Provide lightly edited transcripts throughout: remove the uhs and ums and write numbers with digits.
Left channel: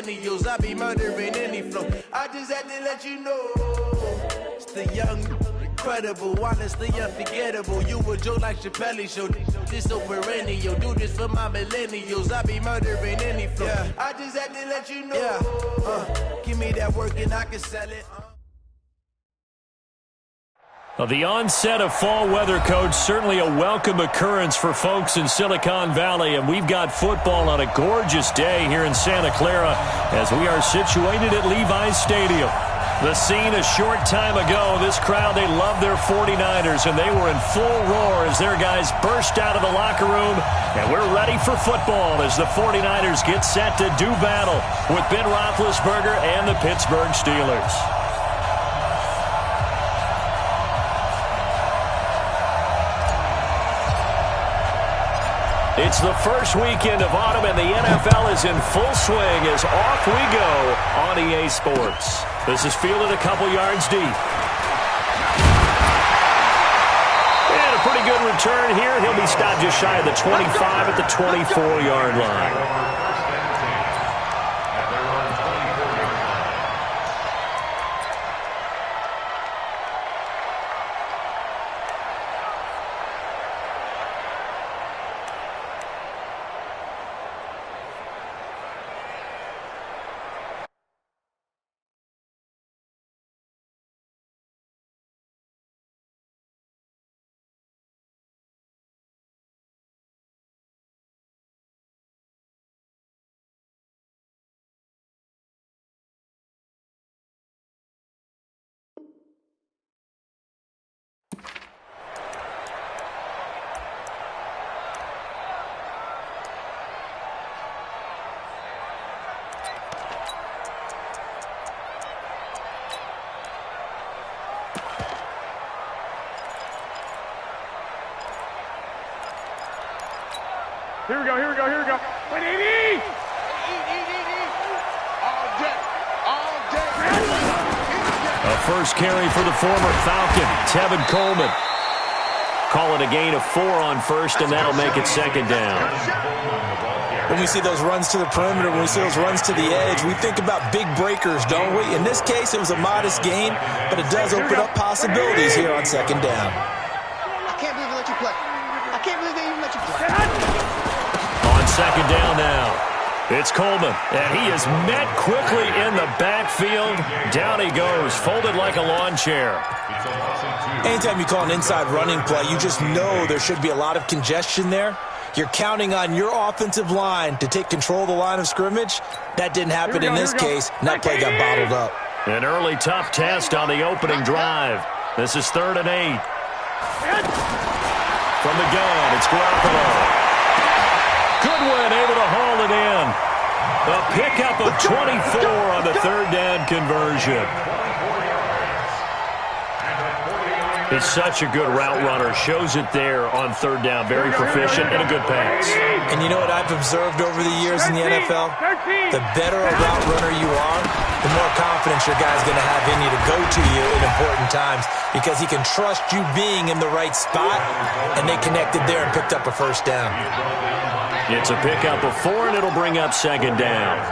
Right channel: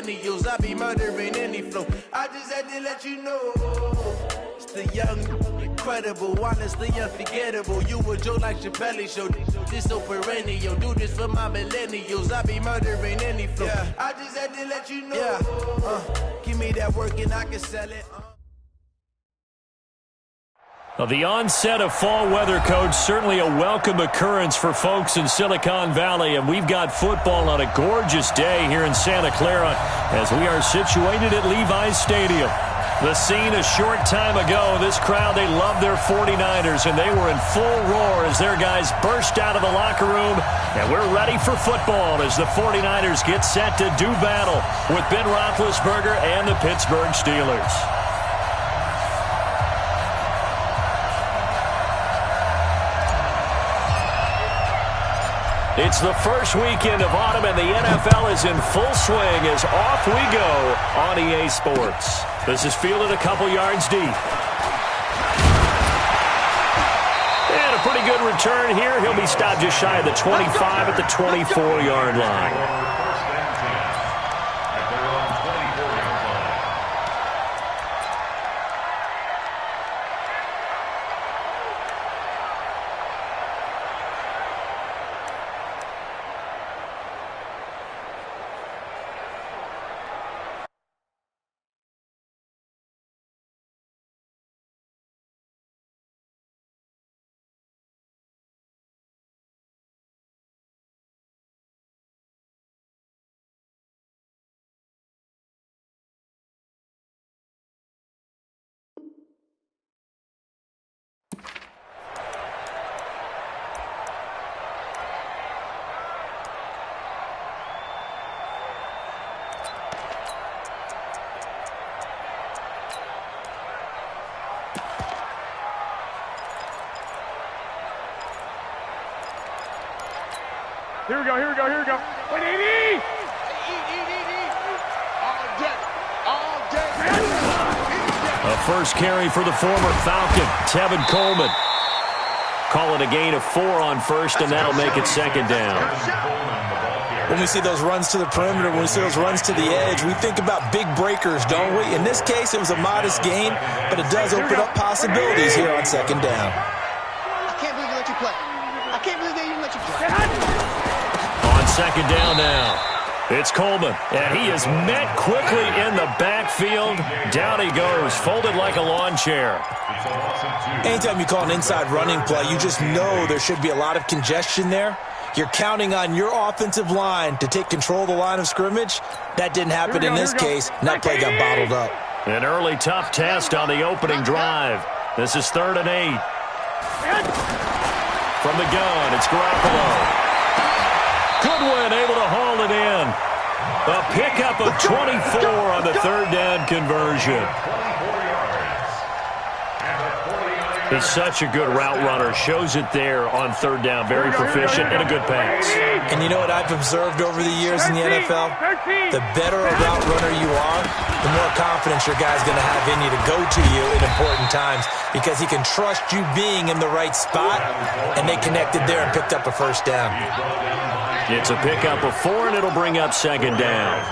millennials. I be murdering any flow. I just had to let you know. It's the young, incredible, honestly unforgettable. You a joke like Chappelle show. This so perennial. Do this for my millennials. I be murdering any flow. Yeah. I just had to let you know. Yeah. Give me that work and I can sell it. Well, the onset of fall weather, Coach, certainly a welcome occurrence for folks in Silicon Valley, and we've got football on a gorgeous day here in Santa Clara as we are situated at Levi's Stadium. The scene a short time ago, this crowd, they love their 49ers, and they were in full roar as their guys burst out of the locker room, and we're ready for football as the 49ers get set to do battle with Ben Roethlisberger and the Pittsburgh Steelers. It's the first weekend of autumn, and the NFL is in full swing as off we go on EA Sports. This is fielded a couple yards deep. And a pretty good return here. He'll be stopped just shy of the 25 at the 24-yard line. Here we go, here we go, here we go. Wait, eat! All day. A first carry for the former Falcon, Tevin Coleman. Call it a gain of 4 on first, and that'll make it second down. When we see those runs to the perimeter, when we see those runs to the edge, we think about big breakers, don't we? In this case, it was a modest gain, but it does open up possibilities here on second down. I can't believe they let you play. I can't believe they even let you play. On second down now, it's Coleman, and he is met quickly in the backfield. Down he goes, folded like a lawn chair. Anytime you call an inside running play, you just know there should be a lot of congestion there. You're counting on your offensive line to take control of the line of scrimmage. That didn't happen in this case, and that play got bottled up. An early tough test on the opening drive. This is 3rd and 8. From the gun, it's Garoppolo. Goodwin able to haul it in. A pickup of 24 on the 3rd down conversion. He's such a good route runner. Shows it there on 3rd down. Very proficient and a good pass. And you know what I've observed over the years in the NFL? The better a route runner you are, the more confidence your guy's going to have in you to go to you in important times because he can trust you being in the right spot, and they connected there and picked up a first down. It's a pickup of 4, and it'll bring up second down.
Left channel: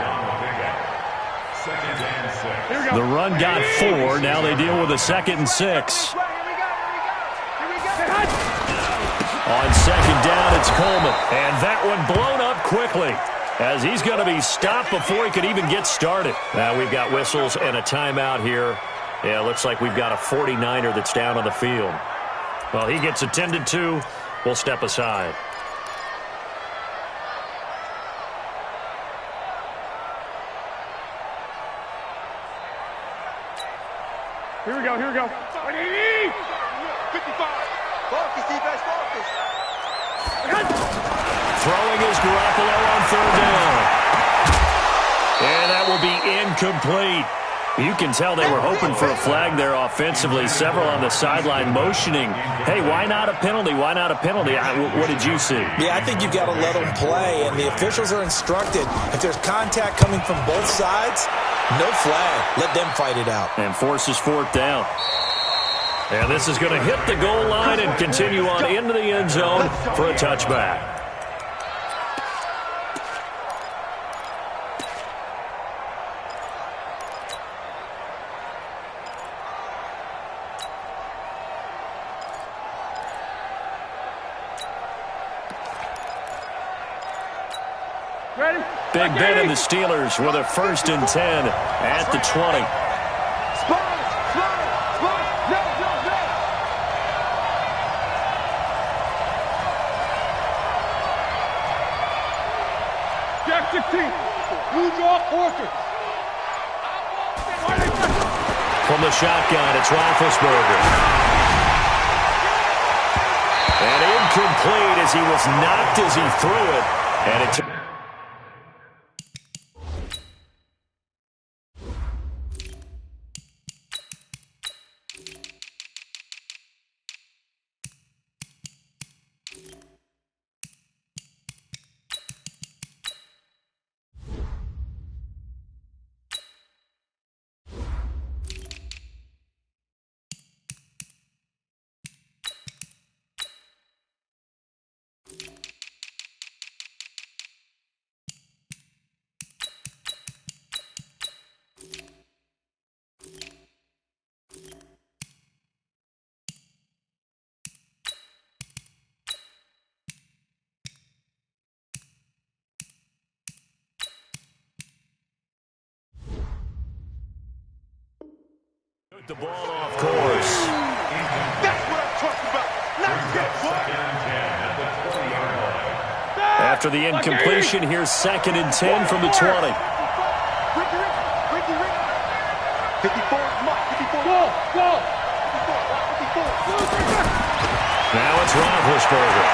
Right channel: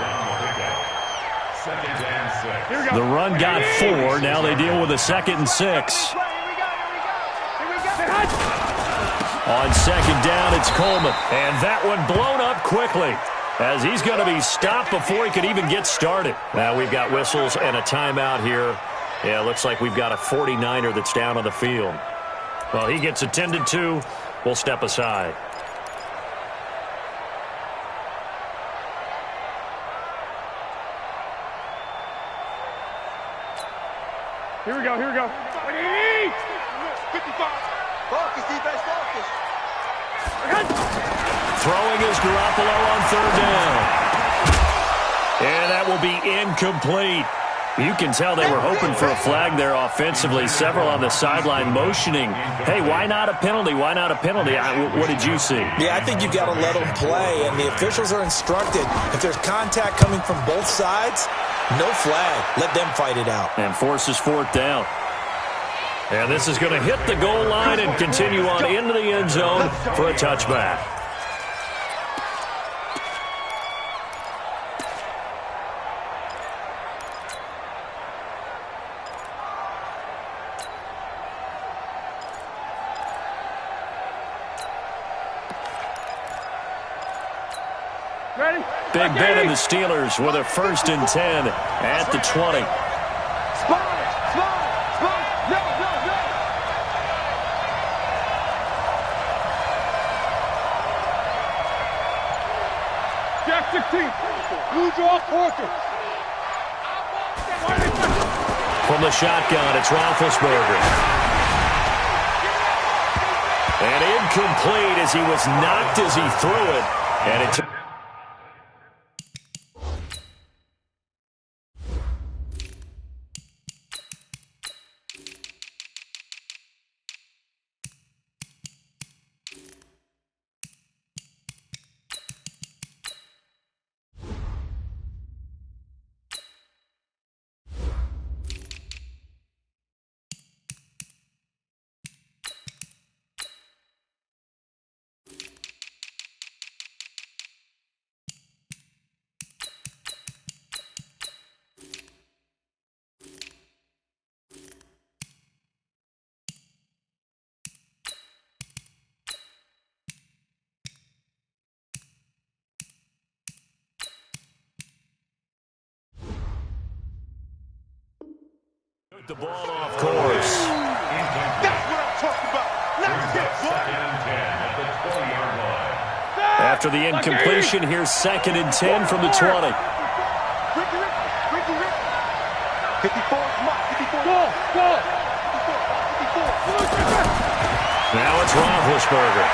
The run got 4. Now they deal with a 2nd and 6. On second down, it's Coleman. And that one blown up quickly as he's going to be stopped before he could even get started. Now we've got whistles and a timeout here. Yeah, it looks like we've got a 49er that's down on the field. Well, he gets attended to. We'll step aside. Here we go, here we go. 55. Focus, defense, focus. Throwing is Garoppolo on 3rd down. And that will be incomplete. You can tell they were hoping for a flag there offensively. Several on the sideline motioning, hey, why not a penalty? Why not a penalty? What did you see? Yeah, I think you've got to let them play, and the officials are instructed. If there's contact coming from both sides, no flag. Let them fight it out. And forces 4th down. And this is going to hit the goal line and continue on into the end zone for a touchback. Ready? Big Ben and the Steelers with a 1st and 10 at the 20. No. Jack 16. You draw Porter. From the shotgun, it's Roethlisberger. And incomplete as he was knocked as he threw it. And it took... the ball off course. That's what I'm talking about. Nice hit, boy. 2nd and 10 at the 20-yard line. After the incompletion, here's 2nd and 10 from the 20. Ricky. 54 is Mike. 54. Go. 54. Now it's Roethlisberger.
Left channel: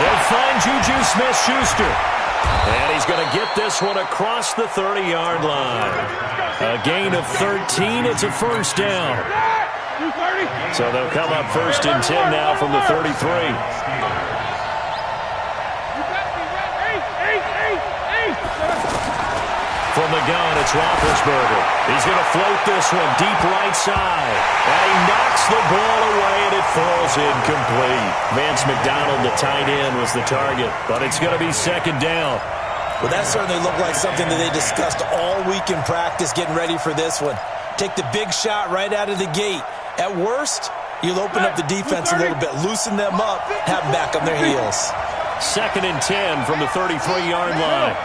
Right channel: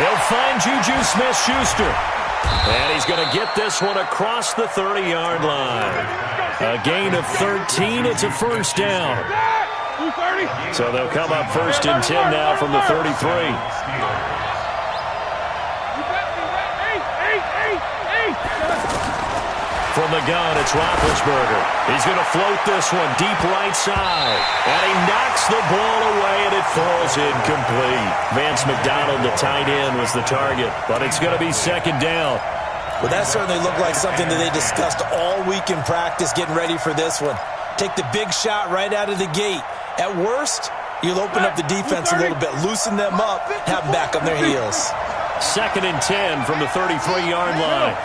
He'll find Juju Smith-Schuster. And he's going to get this one across the 30-yard line. A gain of 13. It's a 1st down. So they'll come up 1st and 10 now from the 33. From the gun, it's Roethlisberger. He's going to float this one deep right side. And he knocks the ball away, and it falls incomplete. Vance McDonald, the tight end, was the target. But it's going to be 2nd down. Well, that certainly looked like something that they discussed all week in practice getting ready for this one. Take the big shot right out of the gate. At worst, you'll open up the defense a little bit, loosen them up, have them back on their heels. 2nd and 10 from the 33-yard line.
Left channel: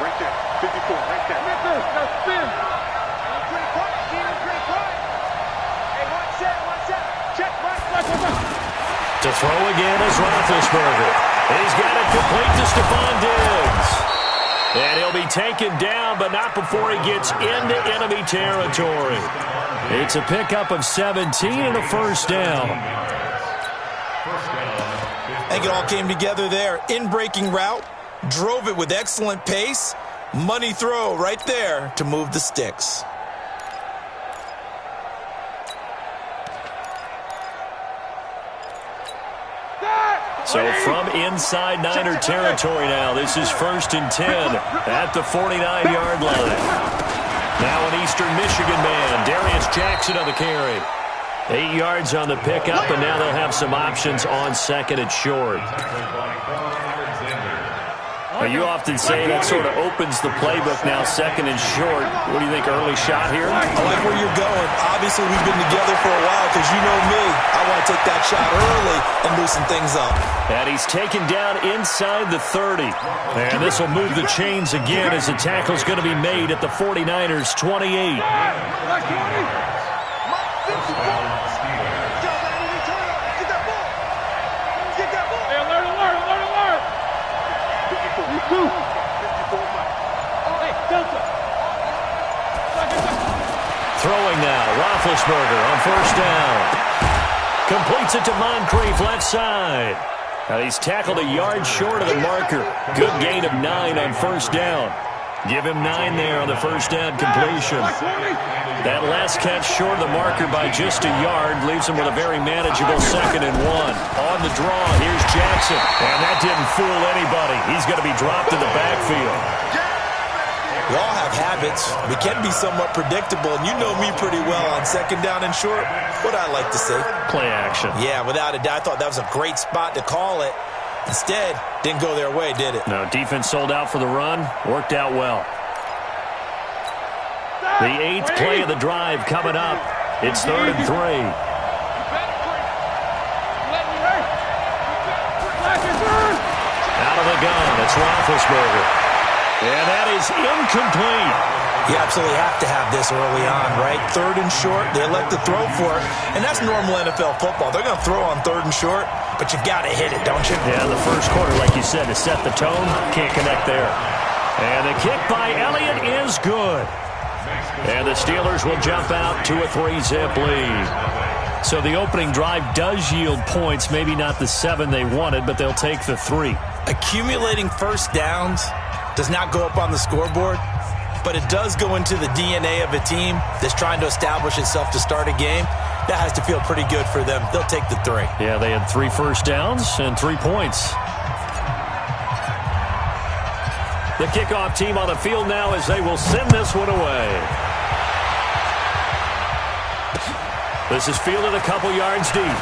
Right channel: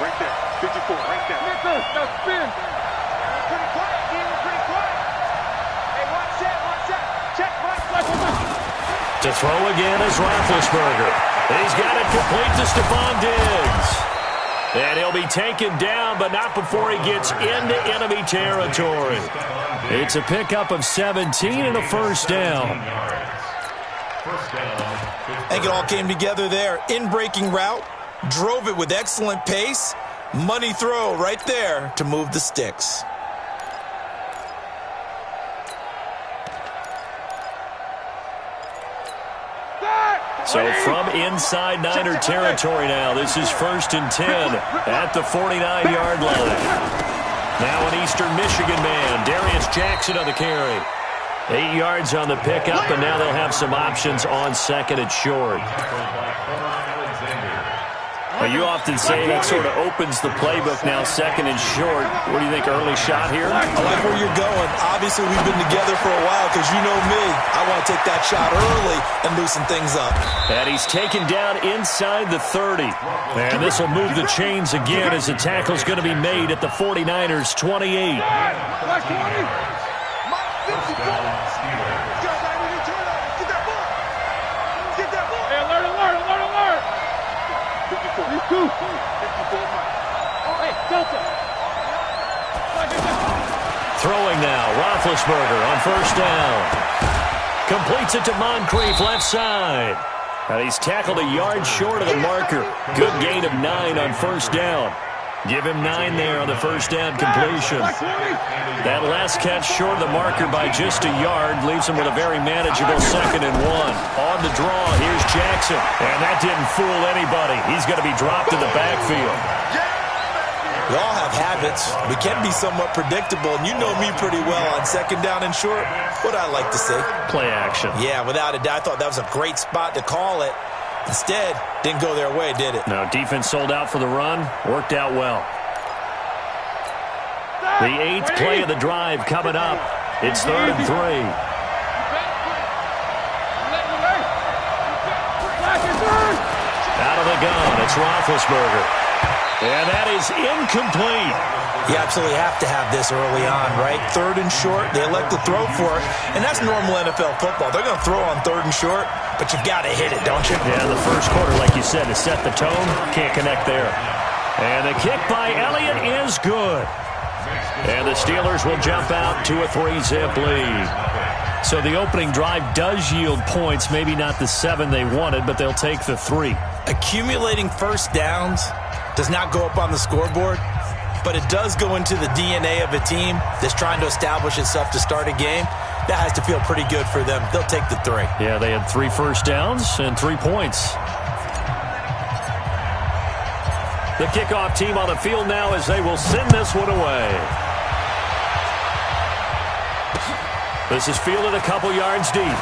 Right there. 54, right there. Now spin. Pretty quiet, team. Pretty quiet. Hey, watch that. Check, Mike. To throw again is Roethlisberger. He's got it complete to Stephon Diggs. And he'll be taken down, but not before he gets into enemy territory. It's a pickup of 17 and a 1st down. I think it all came together there. In-breaking route, drove it with excellent pace. Money throw right there to move the sticks. So from inside Niner territory now, this is 1st and 10 at the 49-yard line. Now an Eastern Michigan man, Darius Jackson on the carry. 8 yards on the pickup, and now they'll have some options on 2nd and short. Well, you often say that sort of opens the playbook now, 2nd and short. What do you think, early shot here? I like where you're going. Obviously, we've been together for a while because you know me. I want to take that shot early and loosen things up. And he's taken down inside the 30. And this will move the chains again as the tackle's going to be made at the 49ers' 28. Throwing now, Roethlisberger on 1st down. Completes it to Moncrief left side. And he's tackled a yard short of the marker. Good gain of 9 on 1st down. Give him 9 there on the 1st down completion. That last catch short of the marker by just a yard leaves him with a very manageable 2nd and 1. On the draw, here's Jackson. And that didn't fool anybody. He's going to be dropped in the backfield. We all have habits. We can be somewhat predictable, and you know me pretty well on 2nd down and short. What I like to say? Play action. Yeah, without a doubt. I thought that was a great spot to call it. Instead, didn't go their way, did it? No, defense sold out for the run. Worked out well. The 8th play of the drive coming up. It's 3rd and 3. Out of the gun. It's Roethlisberger. And that is incomplete. You absolutely have to have this early on, right? 3rd and short, they elect to throw for it, and that's normal NFL football. They're going to throw on 3rd and short, but you've got to hit it, don't you? Yeah, the first quarter, like you said, to set the tone, can't connect there. And the kick by Elliott is good. And the Steelers will jump out to a 3-zip lead. So the opening drive does yield points, maybe not the 7 they wanted, but they'll take the 3. Accumulating first downs does not go up on the scoreboard, but it does go into the DNA of a team that's trying to establish itself to start a game. That has to feel pretty good for them. They'll take the 3. Yeah, they had 3 first downs and 3 points. The kickoff team on the field now as they will send this one away. This is fielded a couple yards deep.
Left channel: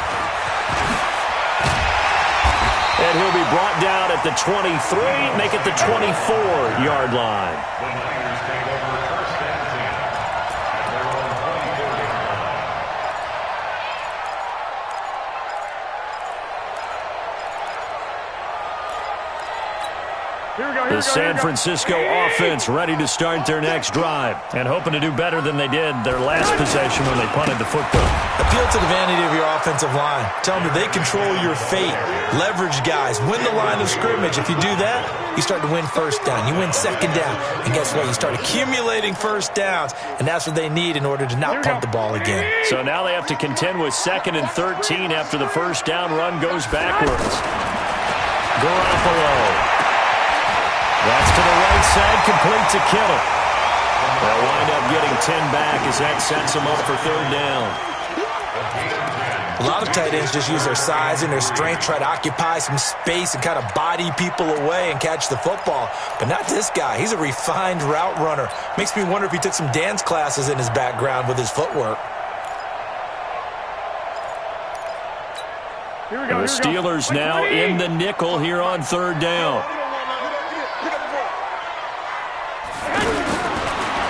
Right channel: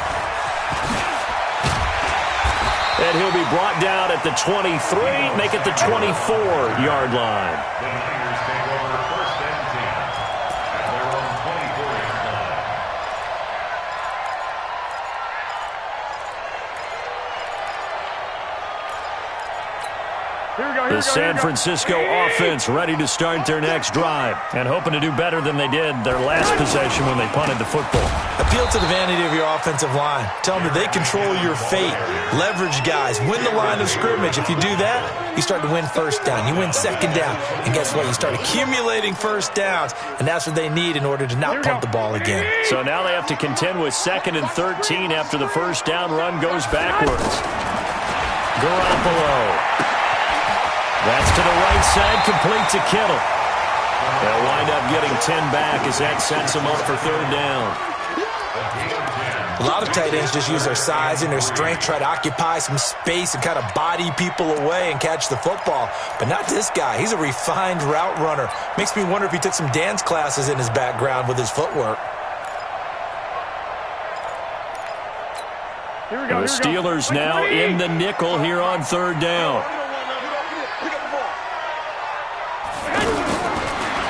And he'll be brought down at the 23, make it the 24-yard line. The Niners take over 1st and 10 at their own 24-yard line. The San Francisco offense ready to start their next drive and hoping to do better than they did their last possession when they punted the football. Appeal to the vanity of your offensive line. Tell them that they control your fate. Leverage guys. Win the line of scrimmage. If you do that, you start to win first down. You win second down. And guess what? You start accumulating first downs. And that's what they need in order to not punt the ball again. So now they have to contend with 2nd and 13 after the first down run goes backwards. Garoppolo. That's to the right side, complete to Kittle. They'll wind up getting 10 back as that sets them up for 3rd down. A lot of tight ends just use their size and their strength, try to occupy some space and kind of body people away and catch the football. But not this guy. He's a refined route runner. Makes me wonder if he took some dance classes in his background with his footwork. The Steelers now in the nickel here on 3rd down.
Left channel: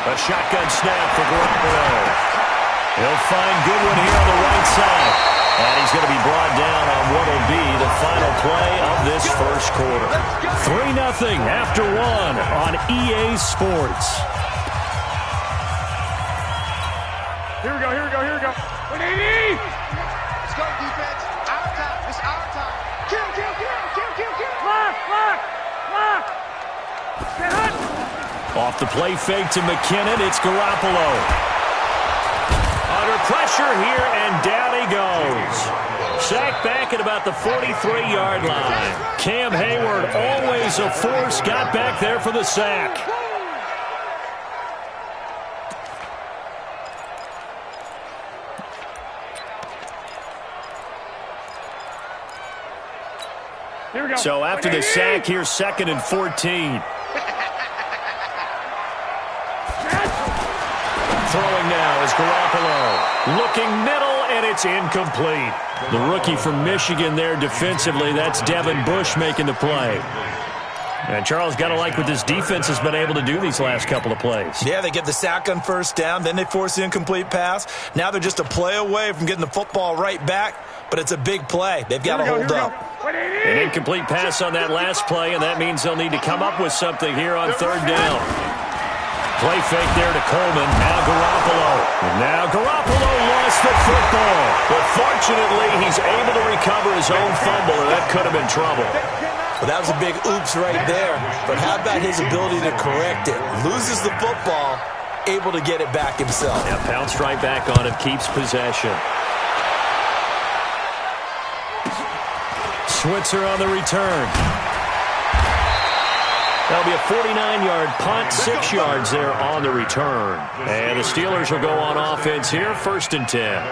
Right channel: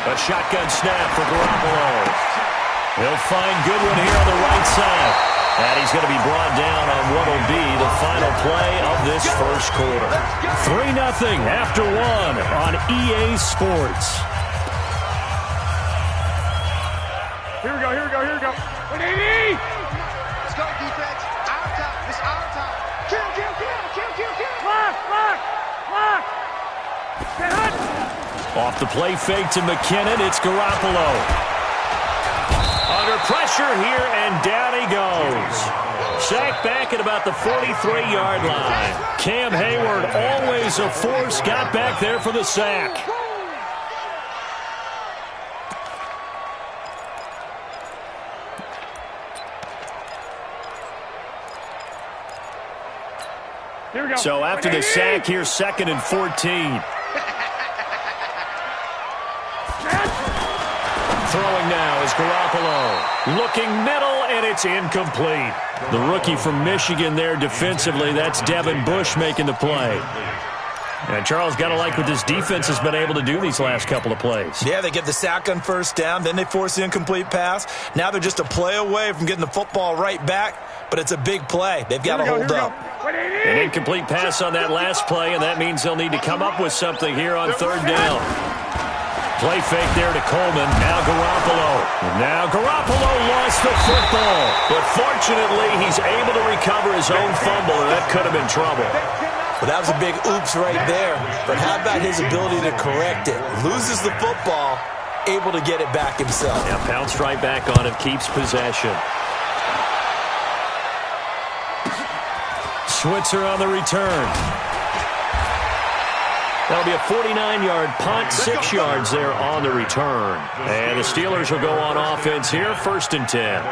A shotgun snap for Garoppolo. He'll find Goodwin here on the right side. And he's going to be brought down on what will be the final play of this first quarter. 3-0 after 1 on EA Sports. Here we go. 180! Let's go, defense. Our time. It's our time. Kill. Lock. Get hot. Off the play fake to McKinnon, it's Garoppolo. Under pressure here, and down he goes. Sacked back at about the 43-yard line. Cam Hayward, always a force, got back there for the sack. So after the sack, here's 2nd and 14. Throwing now is Garoppolo. Looking middle, and it's incomplete. The rookie from Michigan there defensively. That's Devin Bush making the play. And Charles, got to like what this defense has been able to do these last couple of plays. Yeah, they get the sack on first down, then they force the incomplete pass. Now they're just a play away from getting the football right back, but it's a big play. They've got to hold up. An incomplete pass on that last play, and that means they'll need to come up with something here on 3rd down. Play fake there to Coleman. Now Garoppolo. Now Garoppolo lost the football. But fortunately, he's able to recover his own fumble, and that could have been trouble. Well, that was a big oops right there. But how about his ability to correct it? Loses the football, able to get it back himself. Yeah, pounced right back on it, keeps possession. Switzer on the return. That'll be a 49-yard punt, 6 yards there on the return. And the Steelers will go on offense here, 1st and 10.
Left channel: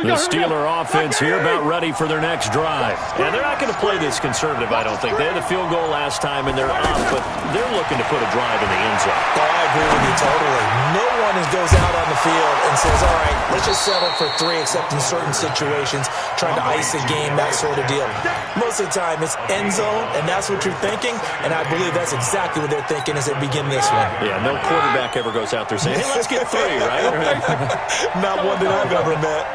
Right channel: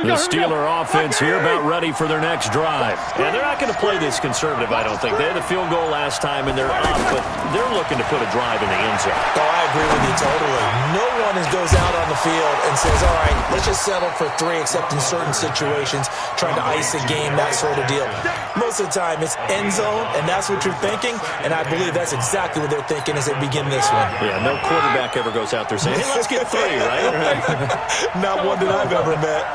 The Steeler offense here about ready for their next drive. And they're not going to play this conservative, I don't think. They had a field goal last time, and they're up, but they're looking to put a drive in the end zone. Oh, I agree with you totally. No one goes out on the field and says, all right, let's just settle for 3, except in certain situations, trying to ice a game, that sort of deal. Most of the time, it's end zone, and that's what you're thinking, and I believe that's exactly what they're thinking as they begin this one. Yeah, no quarterback ever goes out there saying, hey, let's get 3, right? Not one that I've ever met.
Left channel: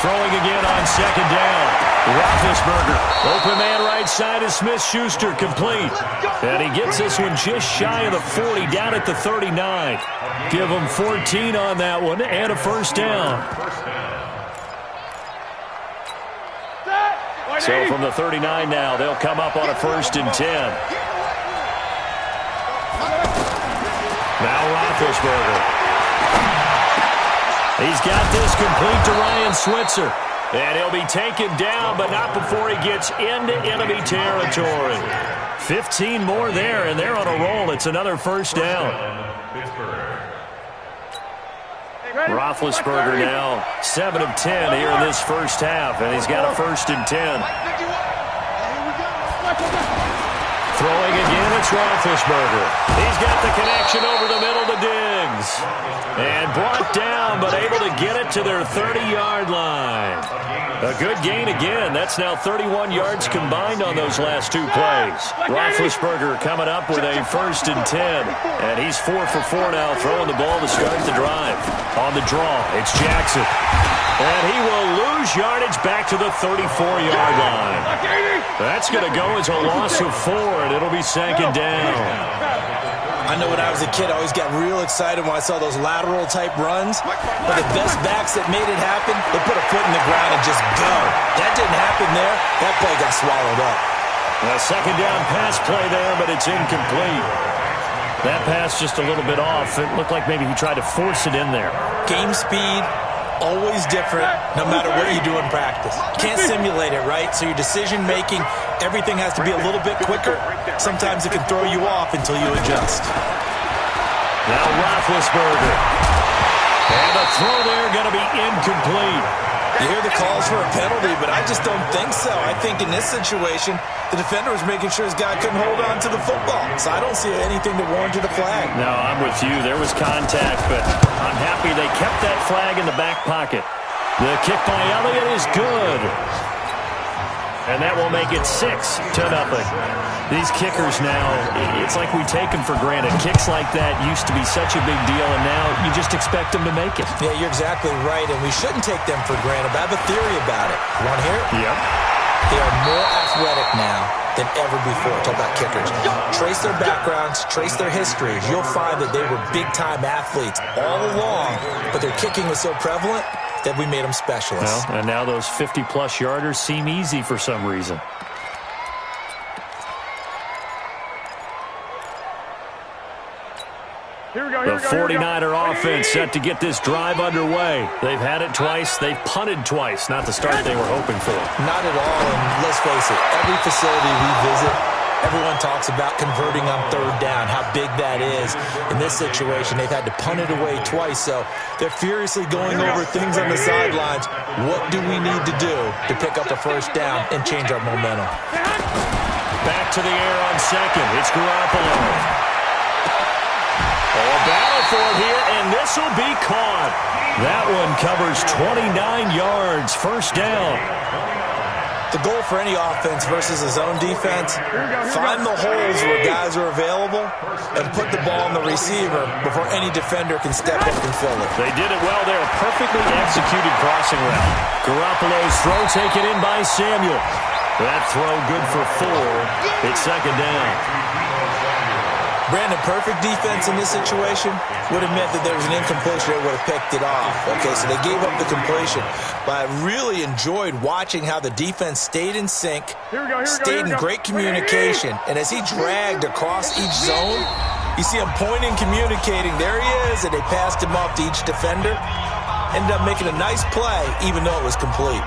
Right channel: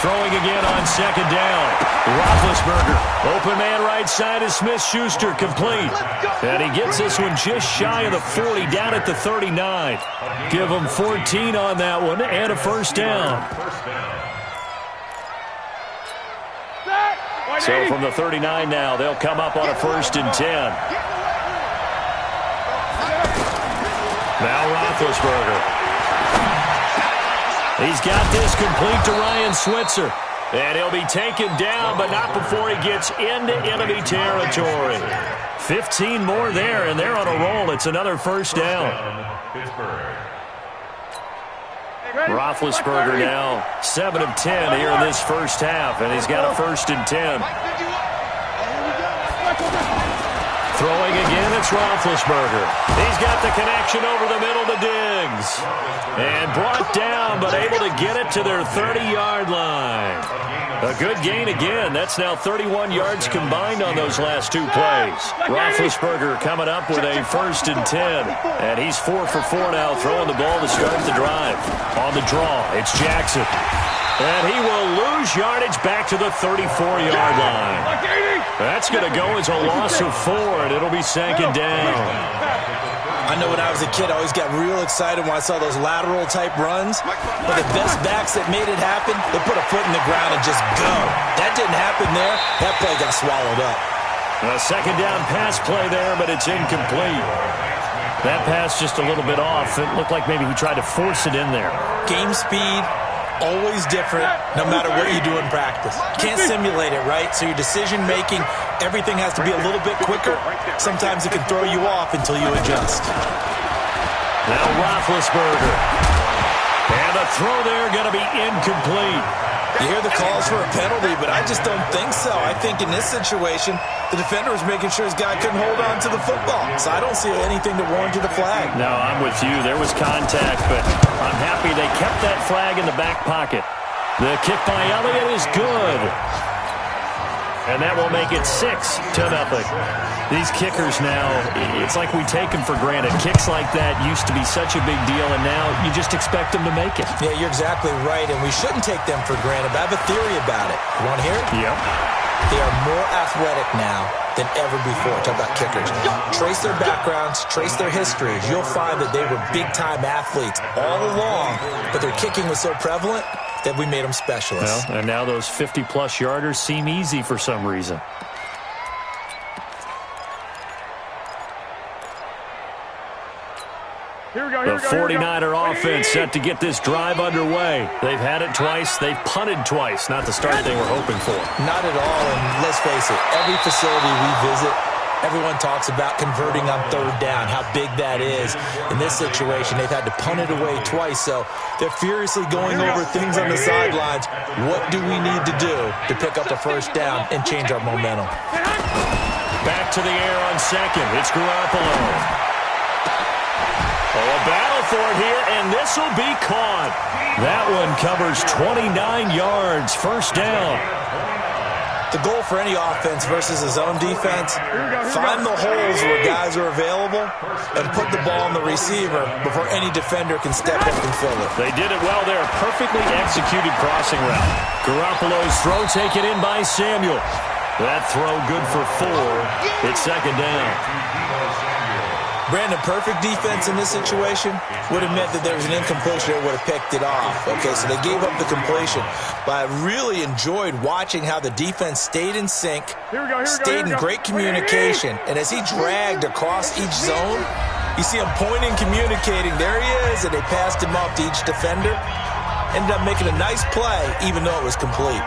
Throwing again on second down. Roethlisberger. Open man right side is Smith-Schuster, complete. And he gets this one just shy of the 40, down at the 39. Give him 14 on that one and a first down. So from the 39 now, they'll come up on a 1st and 10. Now Roethlisberger. He's got this complete to Ryan Switzer. And he'll be taken down, but not before he gets into enemy territory. 15 more there, and they're on a roll. It's another first down. Roethlisberger now 7 of 10 here in this first half, and he's got a 1st and 10. Throwing again, it's Roethlisberger. He's got the connection over the middle to Diggs. And brought down, but able to get it to their 30-yard line. A good gain again. That's now 31 yards combined on those last 2 plays. Roethlisberger coming up with a 1st and 10. And he's 4 for 4 now, throwing the ball to start the drive. On the draw, it's Jackson. And he will lose yardage back to the 34-yard line. That's going to go as a loss of 4, and it'll be 2nd down. I know when I was a kid, I always got real excited when I saw those lateral-type runs. But the best backs that made it happen, they put a foot in the ground and just go. That didn't happen there. That play got swallowed up. A 2nd down pass play there, but it's incomplete. That pass just a little bit off. It looked like maybe he tried to force it in there. Game speed. Always different, no matter what you do in practice. Can't simulate it, right? So your decision-making, everything has to be a little bit quicker. Sometimes it can throw you off until you adjust. Now Roethlisberger. And the throw there going to be incomplete. You hear the calls for a penalty, but I just don't think so. I think in this situation, the defender was making sure his guy couldn't hold on to the football. So I don't see anything that warranted a flag. No, I'm with you. There was contact, but I'm happy they kept that flag in the back pocket. The kick by Elliott is good. And that will make it 6-0. These kickers now, it's like we take them for granted. Kicks like that used to be such a big deal, and now you just expect them to make it. Yeah, you're exactly right, and we shouldn't take them for granted. But I have a theory about it. You want to hear it? Yep. They are more athletic now than ever before. Talk about kickers. Trace their backgrounds, trace their histories. You'll find that they were big-time athletes all along, but their kicking was so prevalent that we made them specialists. Well, and now those 50-plus yarders seem easy for some reason. The 49er offense set to get this drive underway. They've had it twice. They've punted twice. Not the start they were hoping for. Not at all, and let's face it, every facility we visit, everyone talks about converting on 3rd down, how big that is. In this situation, they've had to punt it away twice, so they're furiously going over things on the sidelines. What do we need to do to pick up a 1st down and change our momentum? Back to the air on 2nd. It's Garoppolo. Oh, a battle for it here, and this will be caught. That one covers 29 yards. 1st down. The goal for any offense versus a zone defense, find the holes where guys are available and put the ball on the receiver before any defender can step up and fill it. They did it well there. Perfectly executed crossing route. Garoppolo's throw taken in by Samuel. That throw good for 4. It's 2nd down. Brandon, perfect defense in this situation would have meant that there was an incompletion. They would have picked it off. Okay, so they gave up the completion. But I really enjoyed watching how the defense stayed in sync, stayed in great communication. And as he dragged across each zone, you see him pointing, communicating. There he is, and they passed him off to each defender. Ended up making a nice play, even though it was complete.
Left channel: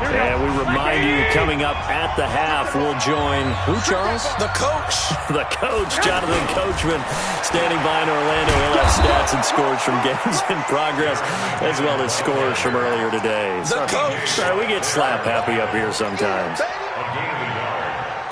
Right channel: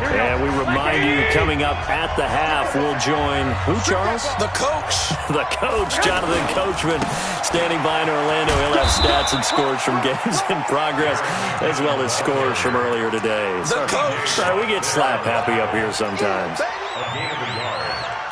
And we remind you, coming up at the half, we'll join who, Charles? The coach. The coach, Jonathan Coachman, standing by in Orlando. He'll have stats and scores from games in progress, as well as scores from earlier today. The coach. Sorry, we get slap happy up here sometimes.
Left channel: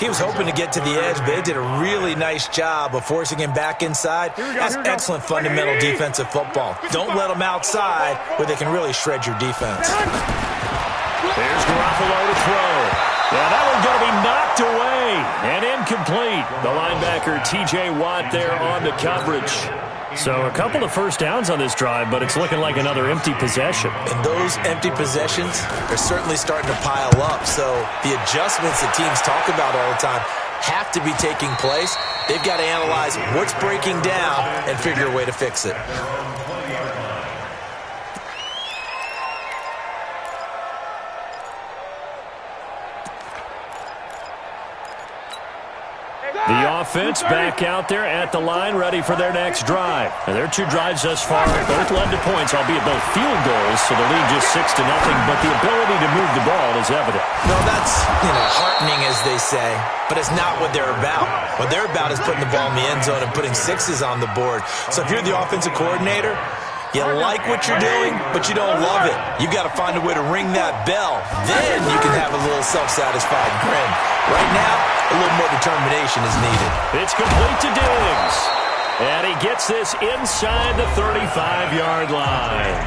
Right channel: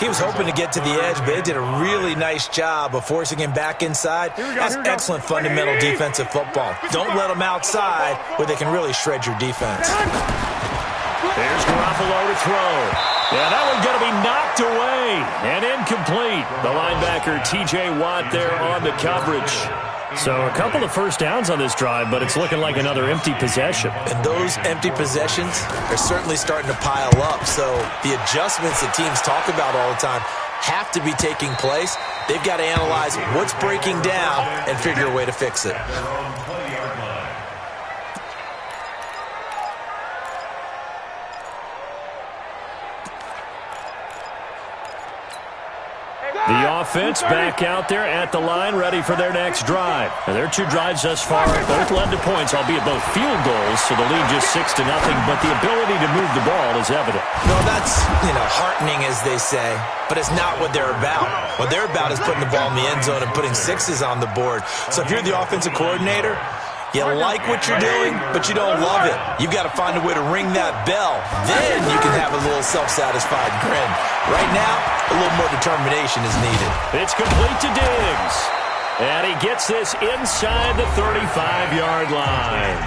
He was hoping to get to the edge, but they did a really nice job of forcing him back inside. That's excellent fundamental defensive football. Don't let them outside where they can really shred your defense. There's Garoppolo to throw. Yeah, that one's going to be knocked away and incomplete. The linebacker, T.J. Watt, there on the coverage. So a couple of first downs on this drive, but it's looking like another empty possession. And those empty possessions are certainly starting to pile up. So the adjustments that teams talk about all the time have to be taking place. They've got to analyze what's breaking down and figure a way to fix it. The offense back out there at the line, ready for their next drive. Now, their two drives thus far both led to points, albeit both field goals, so the lead just 6-0, but the ability to move the ball is evident. No, that's, heartening, as they say, but it's not what they're about. What they're about is putting the ball in the end zone and putting sixes on the board. So if you're the offensive coordinator, you like what you're doing, but you don't love it. You've got to find a way to ring that bell. Then you can have a little self-satisfied grin. Right now, a little more determination is needed. It's complete to Diggs. And he gets this inside the 35-yard line.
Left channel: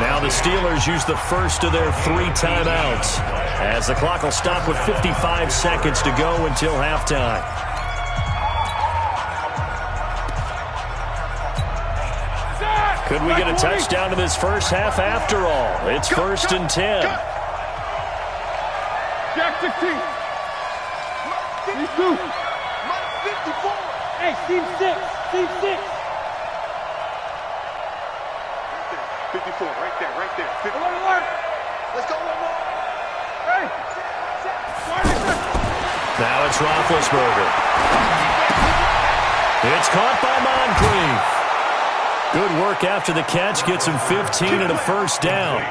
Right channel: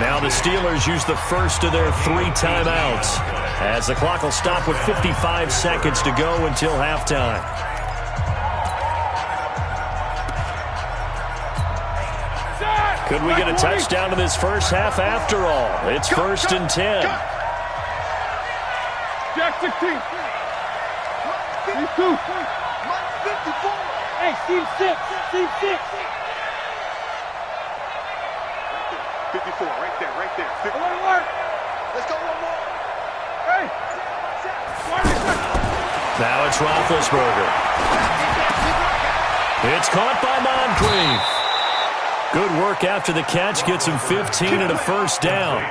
Now the Steelers use the first of their 3 timeouts, as the clock will stop with 55 seconds to go until halftime. Could we get a touchdown in this first half after all? It's 1st and 10. Jack 16. These two. 54. Hey, team 6. Team 6. 54, right there, right there. 50. Alert. Let's go one more. Hey. Now it's Roethlisberger. It's caught by Moncrief. Good work after the catch. Gets him 15 and a first down.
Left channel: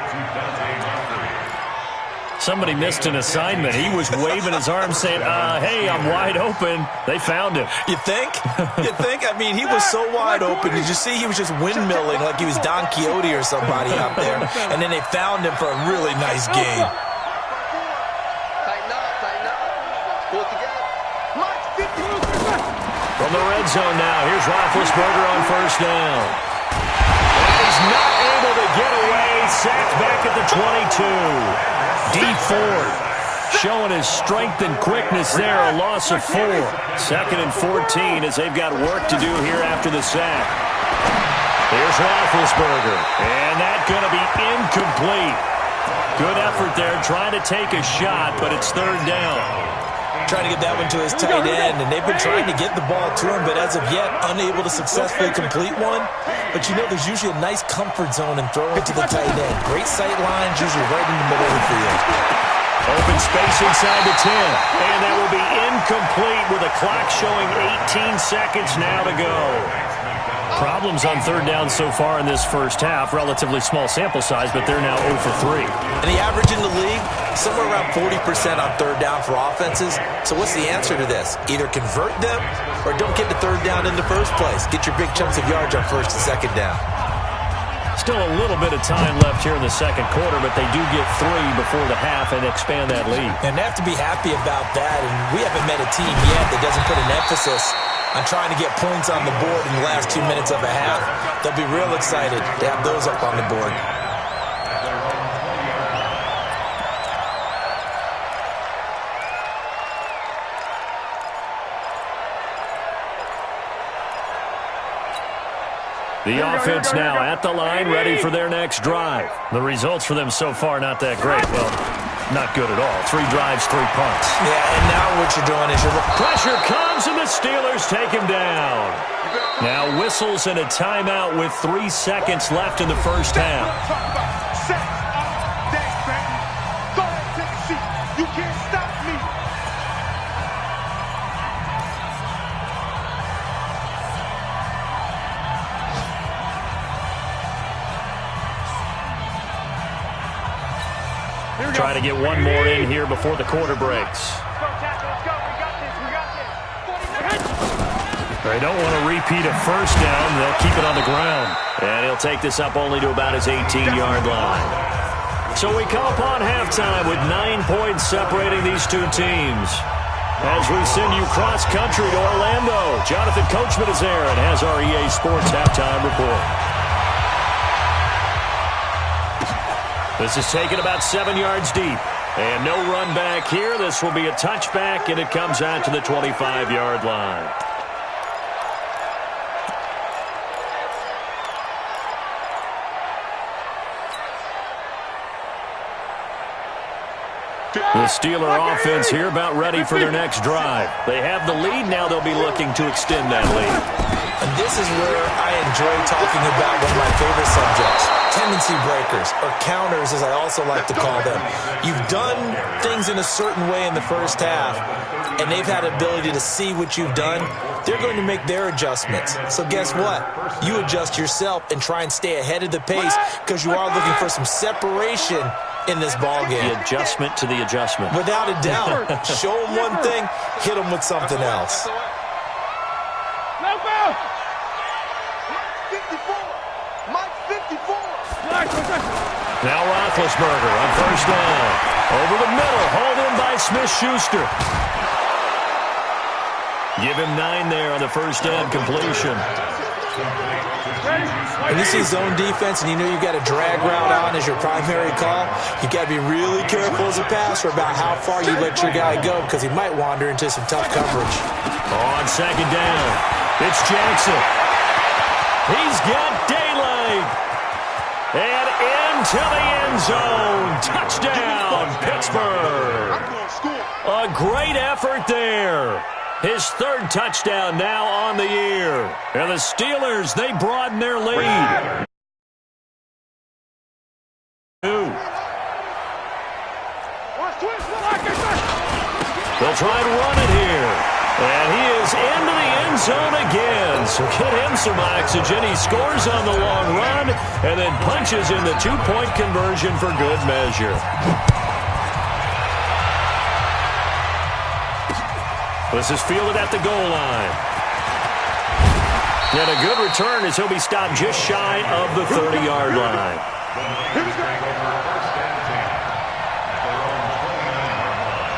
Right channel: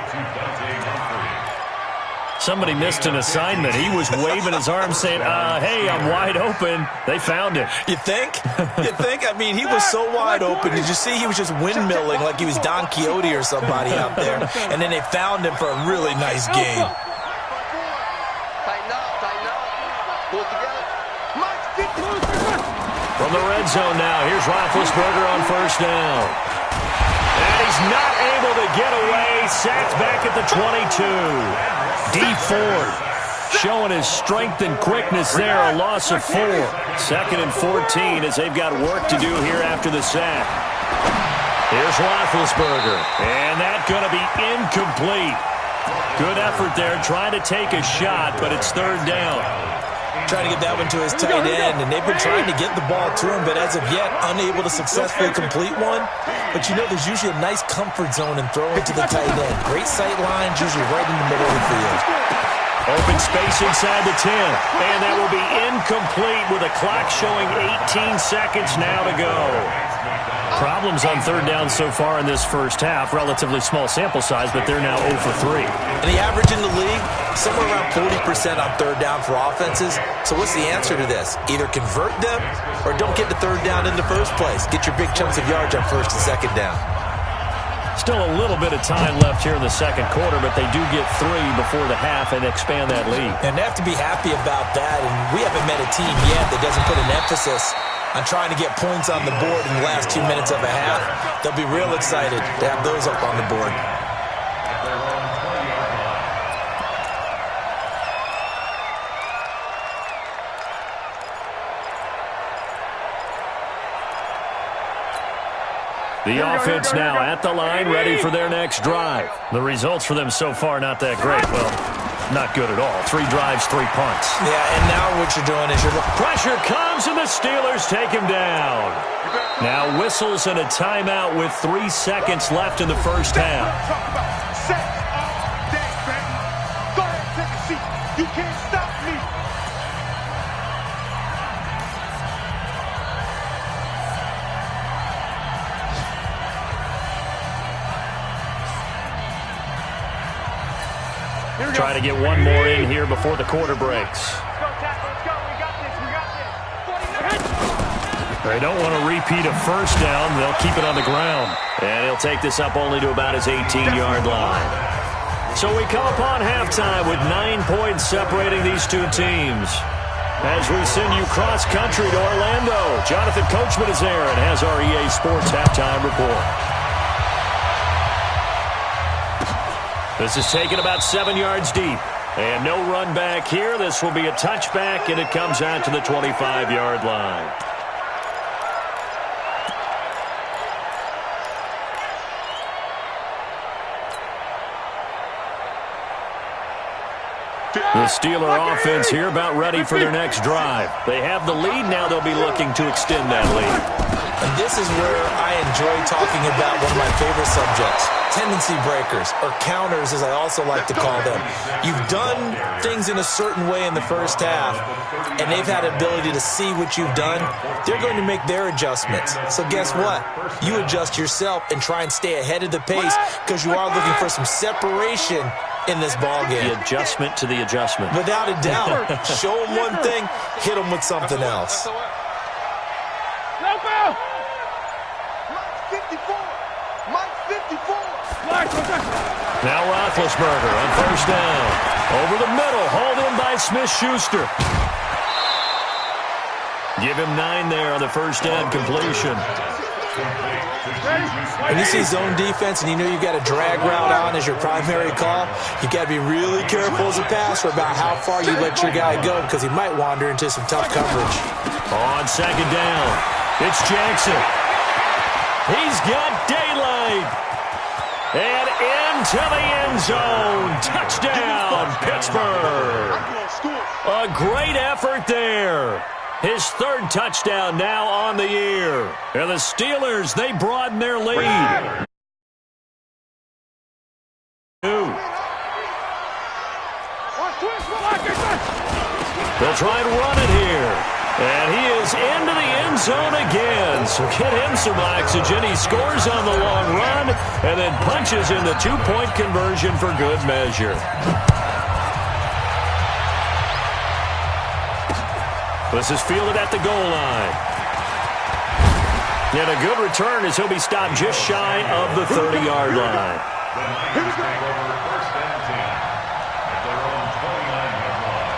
Somebody missed an assignment. He was waving his arms saying, hey, I'm wide open. They found him. You think? You think? I mean, he was so wide open. Did you see he was just windmilling like he was Don Quixote or somebody out there? And then they found him for a really nice game. Tighten up. Pull it together. From the red zone now, here's Roethlisberger on first down. And he's not able to get away. Sacked back at the 22. D Ford showing his strength and quickness there. A loss of 4. 2nd and 14 as they've got work to do here after the sack. Here's Roethlisberger. And that's going to be incomplete. Good effort there trying to take a shot, but it's 3rd down. Trying to get that one to his tight end, and they've been trying to get the ball to him, but as of yet, unable to successfully complete one. But there's usually a nice comfort zone in throwing to the tight end. Great sight lines, usually right in the middle of the field. Open space inside the 10, and that will be incomplete with a clock showing 18 seconds now to go. Problems on 3rd down so far in this first half. Relatively small sample size, but they're now 0 for 3. And the average in the league, somewhere around 40% on 3rd down for offenses. So what's the answer to this? Either convert them or don't get to 3rd down in the first place. Get your big chunks of yards on 1st and 2nd down. Still a little bit of time left here in the 2nd quarter, but they do get 3 before the half and expand that lead. And they have to be happy about that. And we haven't met a team yet that doesn't put an emphasis on trying to get points on the board in the last 2 minutes of a half. They'll be real excited to have those up on the board. The offense now at the line, ready for their next drive. The results for them so far not that great. Well, not good at all. 3 drives, 3 punts. Yeah, and now what you're doing is pressure comes, and the Steelers take him down. Now whistles and a timeout with 3 seconds left in the first half. Talk about sex all day, baby. Go ahead and take a seat. You can't stop me. Try to get one more in here before the quarter breaks. Let's go, Tackle. Let's go. We got this. 49. They don't want to repeat a first down. They'll keep it on the ground. And he'll take this up only to about his 18-yard line. So we come upon halftime with 9 points separating these two teams. As we send you cross-country to Orlando, Jonathan Coachman is there and has our EA Sports halftime report. This is taken about 7 yards deep. And no run back here. This will be a touchback, and it comes out to the 25-yard line. The Steeler offense here about ready for their next drive. They have the lead. Now they'll be looking to extend that lead. And this is where I enjoy talking about one of my favorite subjects, tendency breakers, or counters as I also like to call them. You've done things in a certain way in the first half, and they've had the ability to see what you've done. They're going to make their adjustments. So guess what? You adjust yourself and try and stay ahead of the pace because you are looking for some separation in this ball game. The adjustment to the adjustment. Without a doubt. Show them one thing, hit them with something else. Mike 54. Mike 54. Now Roethlisberger on first down. Over the middle, hauled in by Smith-Schuster. Give him 9 there on the first down completion. When you see zone defense and you know you've got a drag route on as your primary call, you've got to be really careful as a passer about how far you let your guy go because he might wander into some tough coverage. On second down, it's Jackson. He's got daylight. And into the end zone. Touchdown, Pittsburgh. A great effort there. His third touchdown now on the year. And the Steelers, they broaden their lead. They'll try and run it here. And he is into the end zone again. So get him some oxygen. He scores on the long run and then punches in the 2-point conversion for good measure. This is fielded at the goal line. And a good return as he'll be stopped just shy of the 30-yard line. Here we go. First and 10 at their own 29-yard line.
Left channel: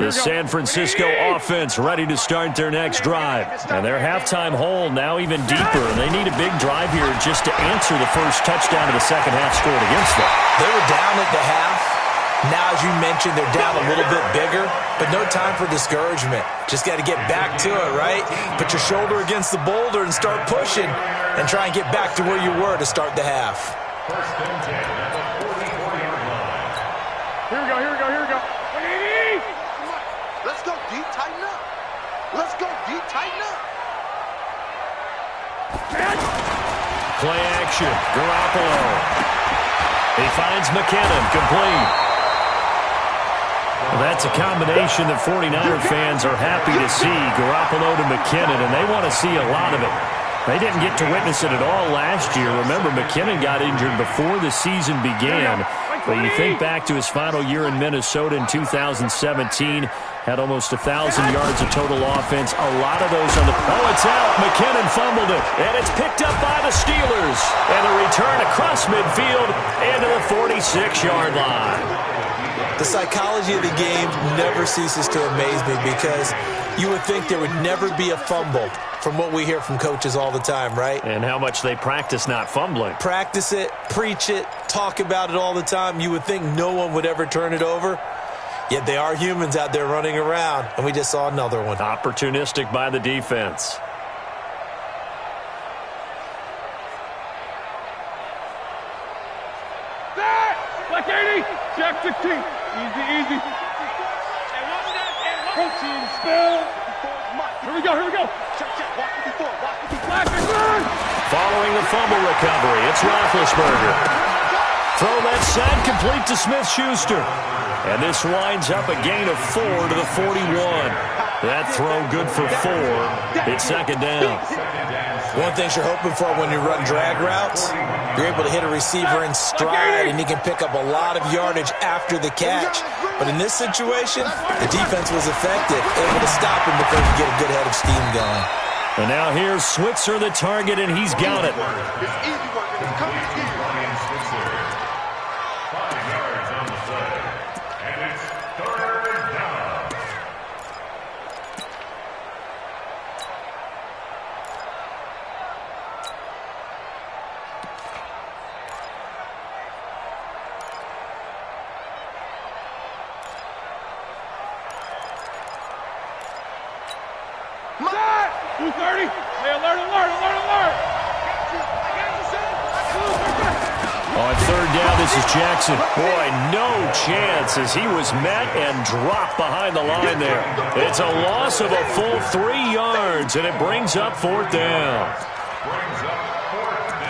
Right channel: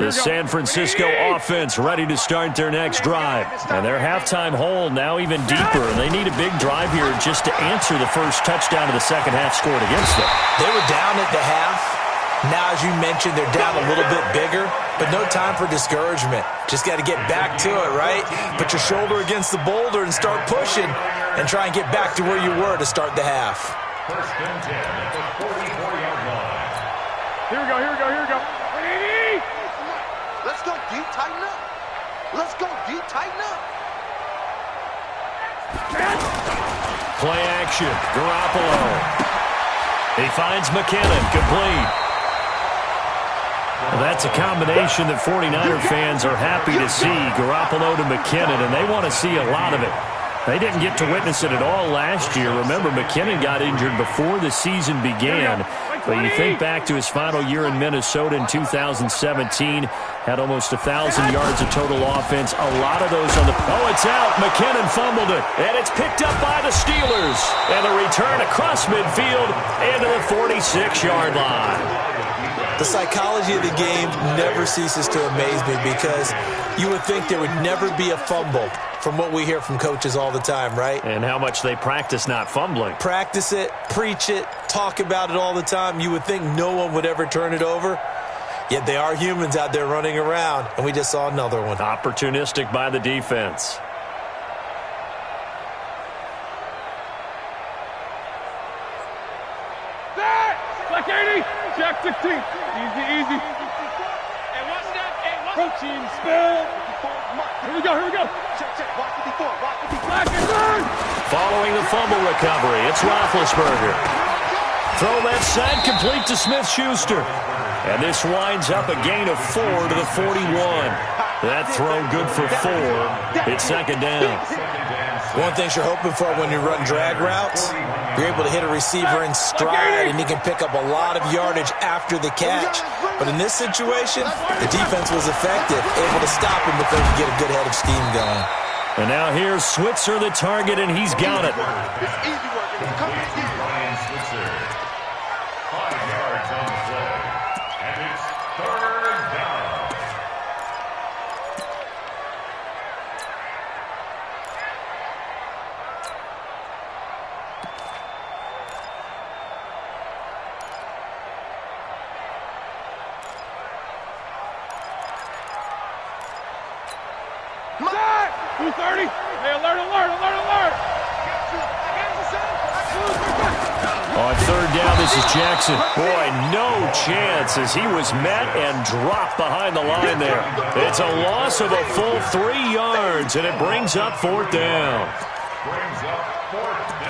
The San Francisco offense ready to start their next drive. And their halftime hole now even deeper. And they need a big drive here just to answer the first touchdown of the second half scored against them. They were down at the half. Now, as you mentioned, they're down a little bit bigger. But no time for discouragement. Just got to get back to it, right? Put your shoulder against the boulder and start pushing. And try and get back to where you were to start the half. First and 10 at the 44-yard line. Here we go, here we go, here we go. Let's go deep, tighten up. Let's go deep, tighten up. Play action. Garoppolo. He finds McKinnon complete. Well, that's a combination that 49er fans are happy to see. Garoppolo to McKinnon, and they want to see a lot of it. They didn't get to witness it at all last year. Remember, McKinnon got injured before the season began. But you think back to his final year in Minnesota in 2017, had almost 1,000 yards of total offense. A lot of those on the... Oh, it's out. McKinnon fumbled it. And it's picked up by the Steelers. And the return across midfield into the 46-yard line. The psychology of the game never ceases to amaze me because you would think there would never be a fumble from what we hear from coaches all the time, right? And how much they practice not fumbling. Practice it, preach it, talk about it all the time. You would think no one would ever turn it over. Yet they are humans out there running around, and we just saw another one. Opportunistic by the defense. Black 80, Jack 16. Easy, easy. And watch that, protein spill. Here we go, here we go. Check, check, watch 54, watch 54. Black is on. Following the fumble recovery, it's Roethlisberger. Throw that side complete to Smith-Schuster. And this winds up a gain of 4 to the 41. That throw good for 4. It's second down. One thing you're hoping for when you run drag routes, you're able to hit a receiver in stride, and he can pick up a lot of yardage after the catch. But in this situation, the defense was effective, able to stop him before he could get a good head of steam going. And now here's Switzer, the target, and he's got it. It's easy work, and it's coming again. Ryan Switzer. 5 yards on the play. And it's 3rd down. Set! 230. Hey, alert, alert, alert, alert. I got you, son. On 3rd down, this is Jackson. Boy, no chance as he was met and dropped behind the line there. It's a loss of a full 3 yards, and it brings up 4th down. Brings up 4th down.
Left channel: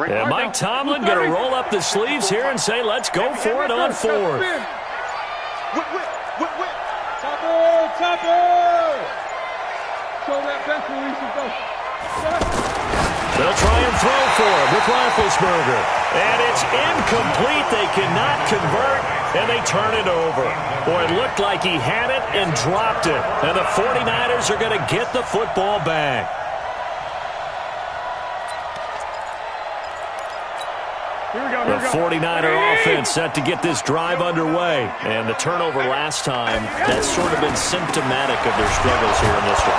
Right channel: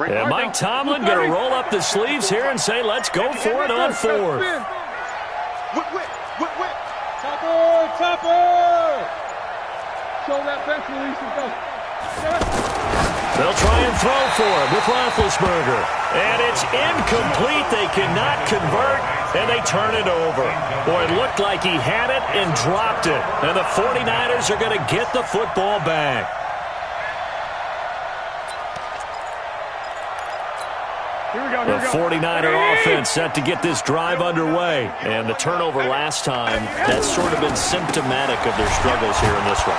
And Mike Tomlin going to roll up the sleeves here and say, let's go for it on 4th. Whip. Topper, topper. Show that bench release and go. They'll try and throw for him with Roethlisberger. And it's incomplete. They cannot convert, and they turn it over. Boy, it looked like he had it and dropped it. And the 49ers are going to get the football back. Here we go, The 49er offense set to get this drive underway. And the turnover last time, that's sort of been symptomatic of their struggles here in this one.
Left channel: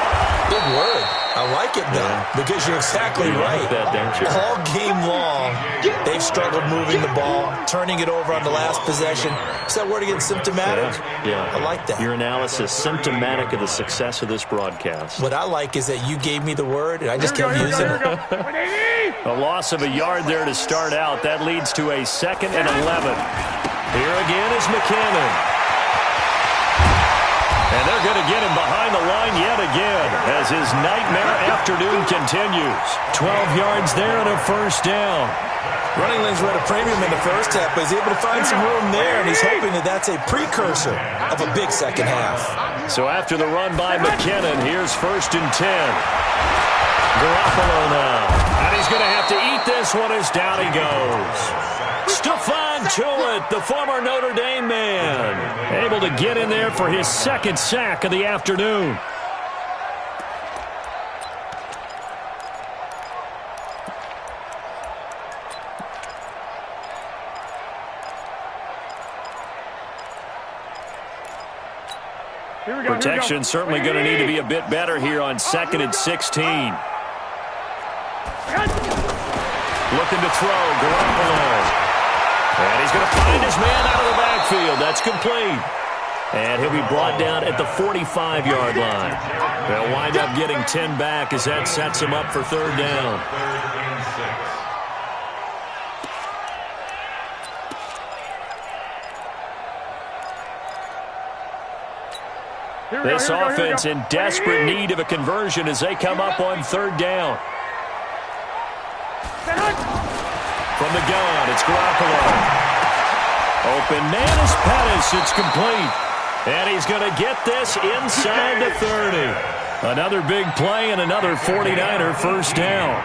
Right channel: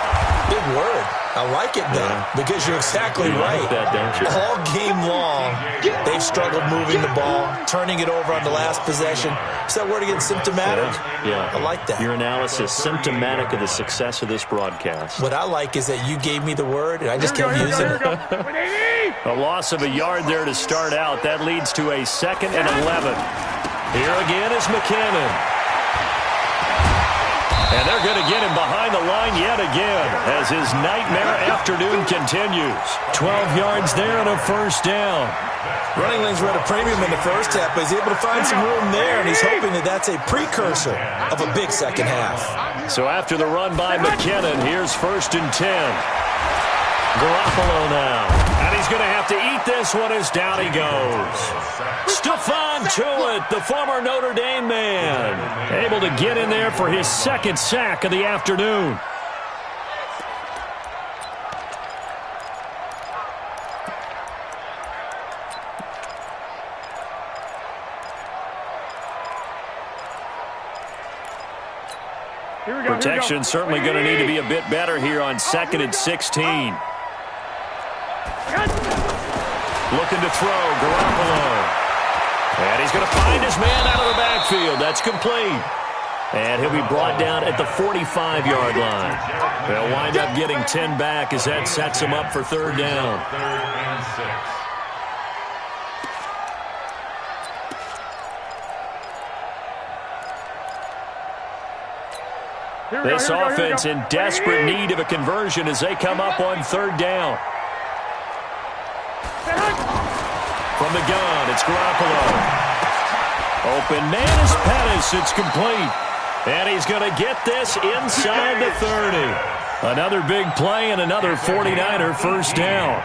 Big word. I like it, though, because you're exactly right. Like that, don't you? All game long, they've struggled moving the ball, turning it over on the last possession. Is that word again, symptomatic? Yeah. I like that. Your analysis, symptomatic of the success of this broadcast. What I like is that you gave me the word, and I just kept using it. A loss of a yard there to start out. That leads to a 2nd and 11. Here again is McKinnon. And they're going to get him behind the line yet again as his nightmare afternoon continues. 12 yards there and a 1st down. Running lanes were at a premium in the first half, but he's able to find some room there, and he's hoping that that's a precursor of a big second half. So after the run by McKinnon, here's 1st and 10. Garoppolo now. And he's going to have to eat this one as down he goes. Stephon Tuitt, the former Notre Dame man, able to get in there for his 2nd sack of the afternoon. Protection certainly going to need to be a bit better here on 2nd and 16. Looking to throw, Garoppolo. And he's going to find his man out of the backfield. That's complete. And he'll be brought down at the 45-yard line. They'll wind up getting 10 back as that sets him up for 3rd down. 3rd and 6. This offense in desperate need of a conversion as they come up on 3rd down. From the gun, it's Garoppolo. Open man is Pettis. It's complete. And he's going to get this inside the 30. Another big play and another 49er 1st down.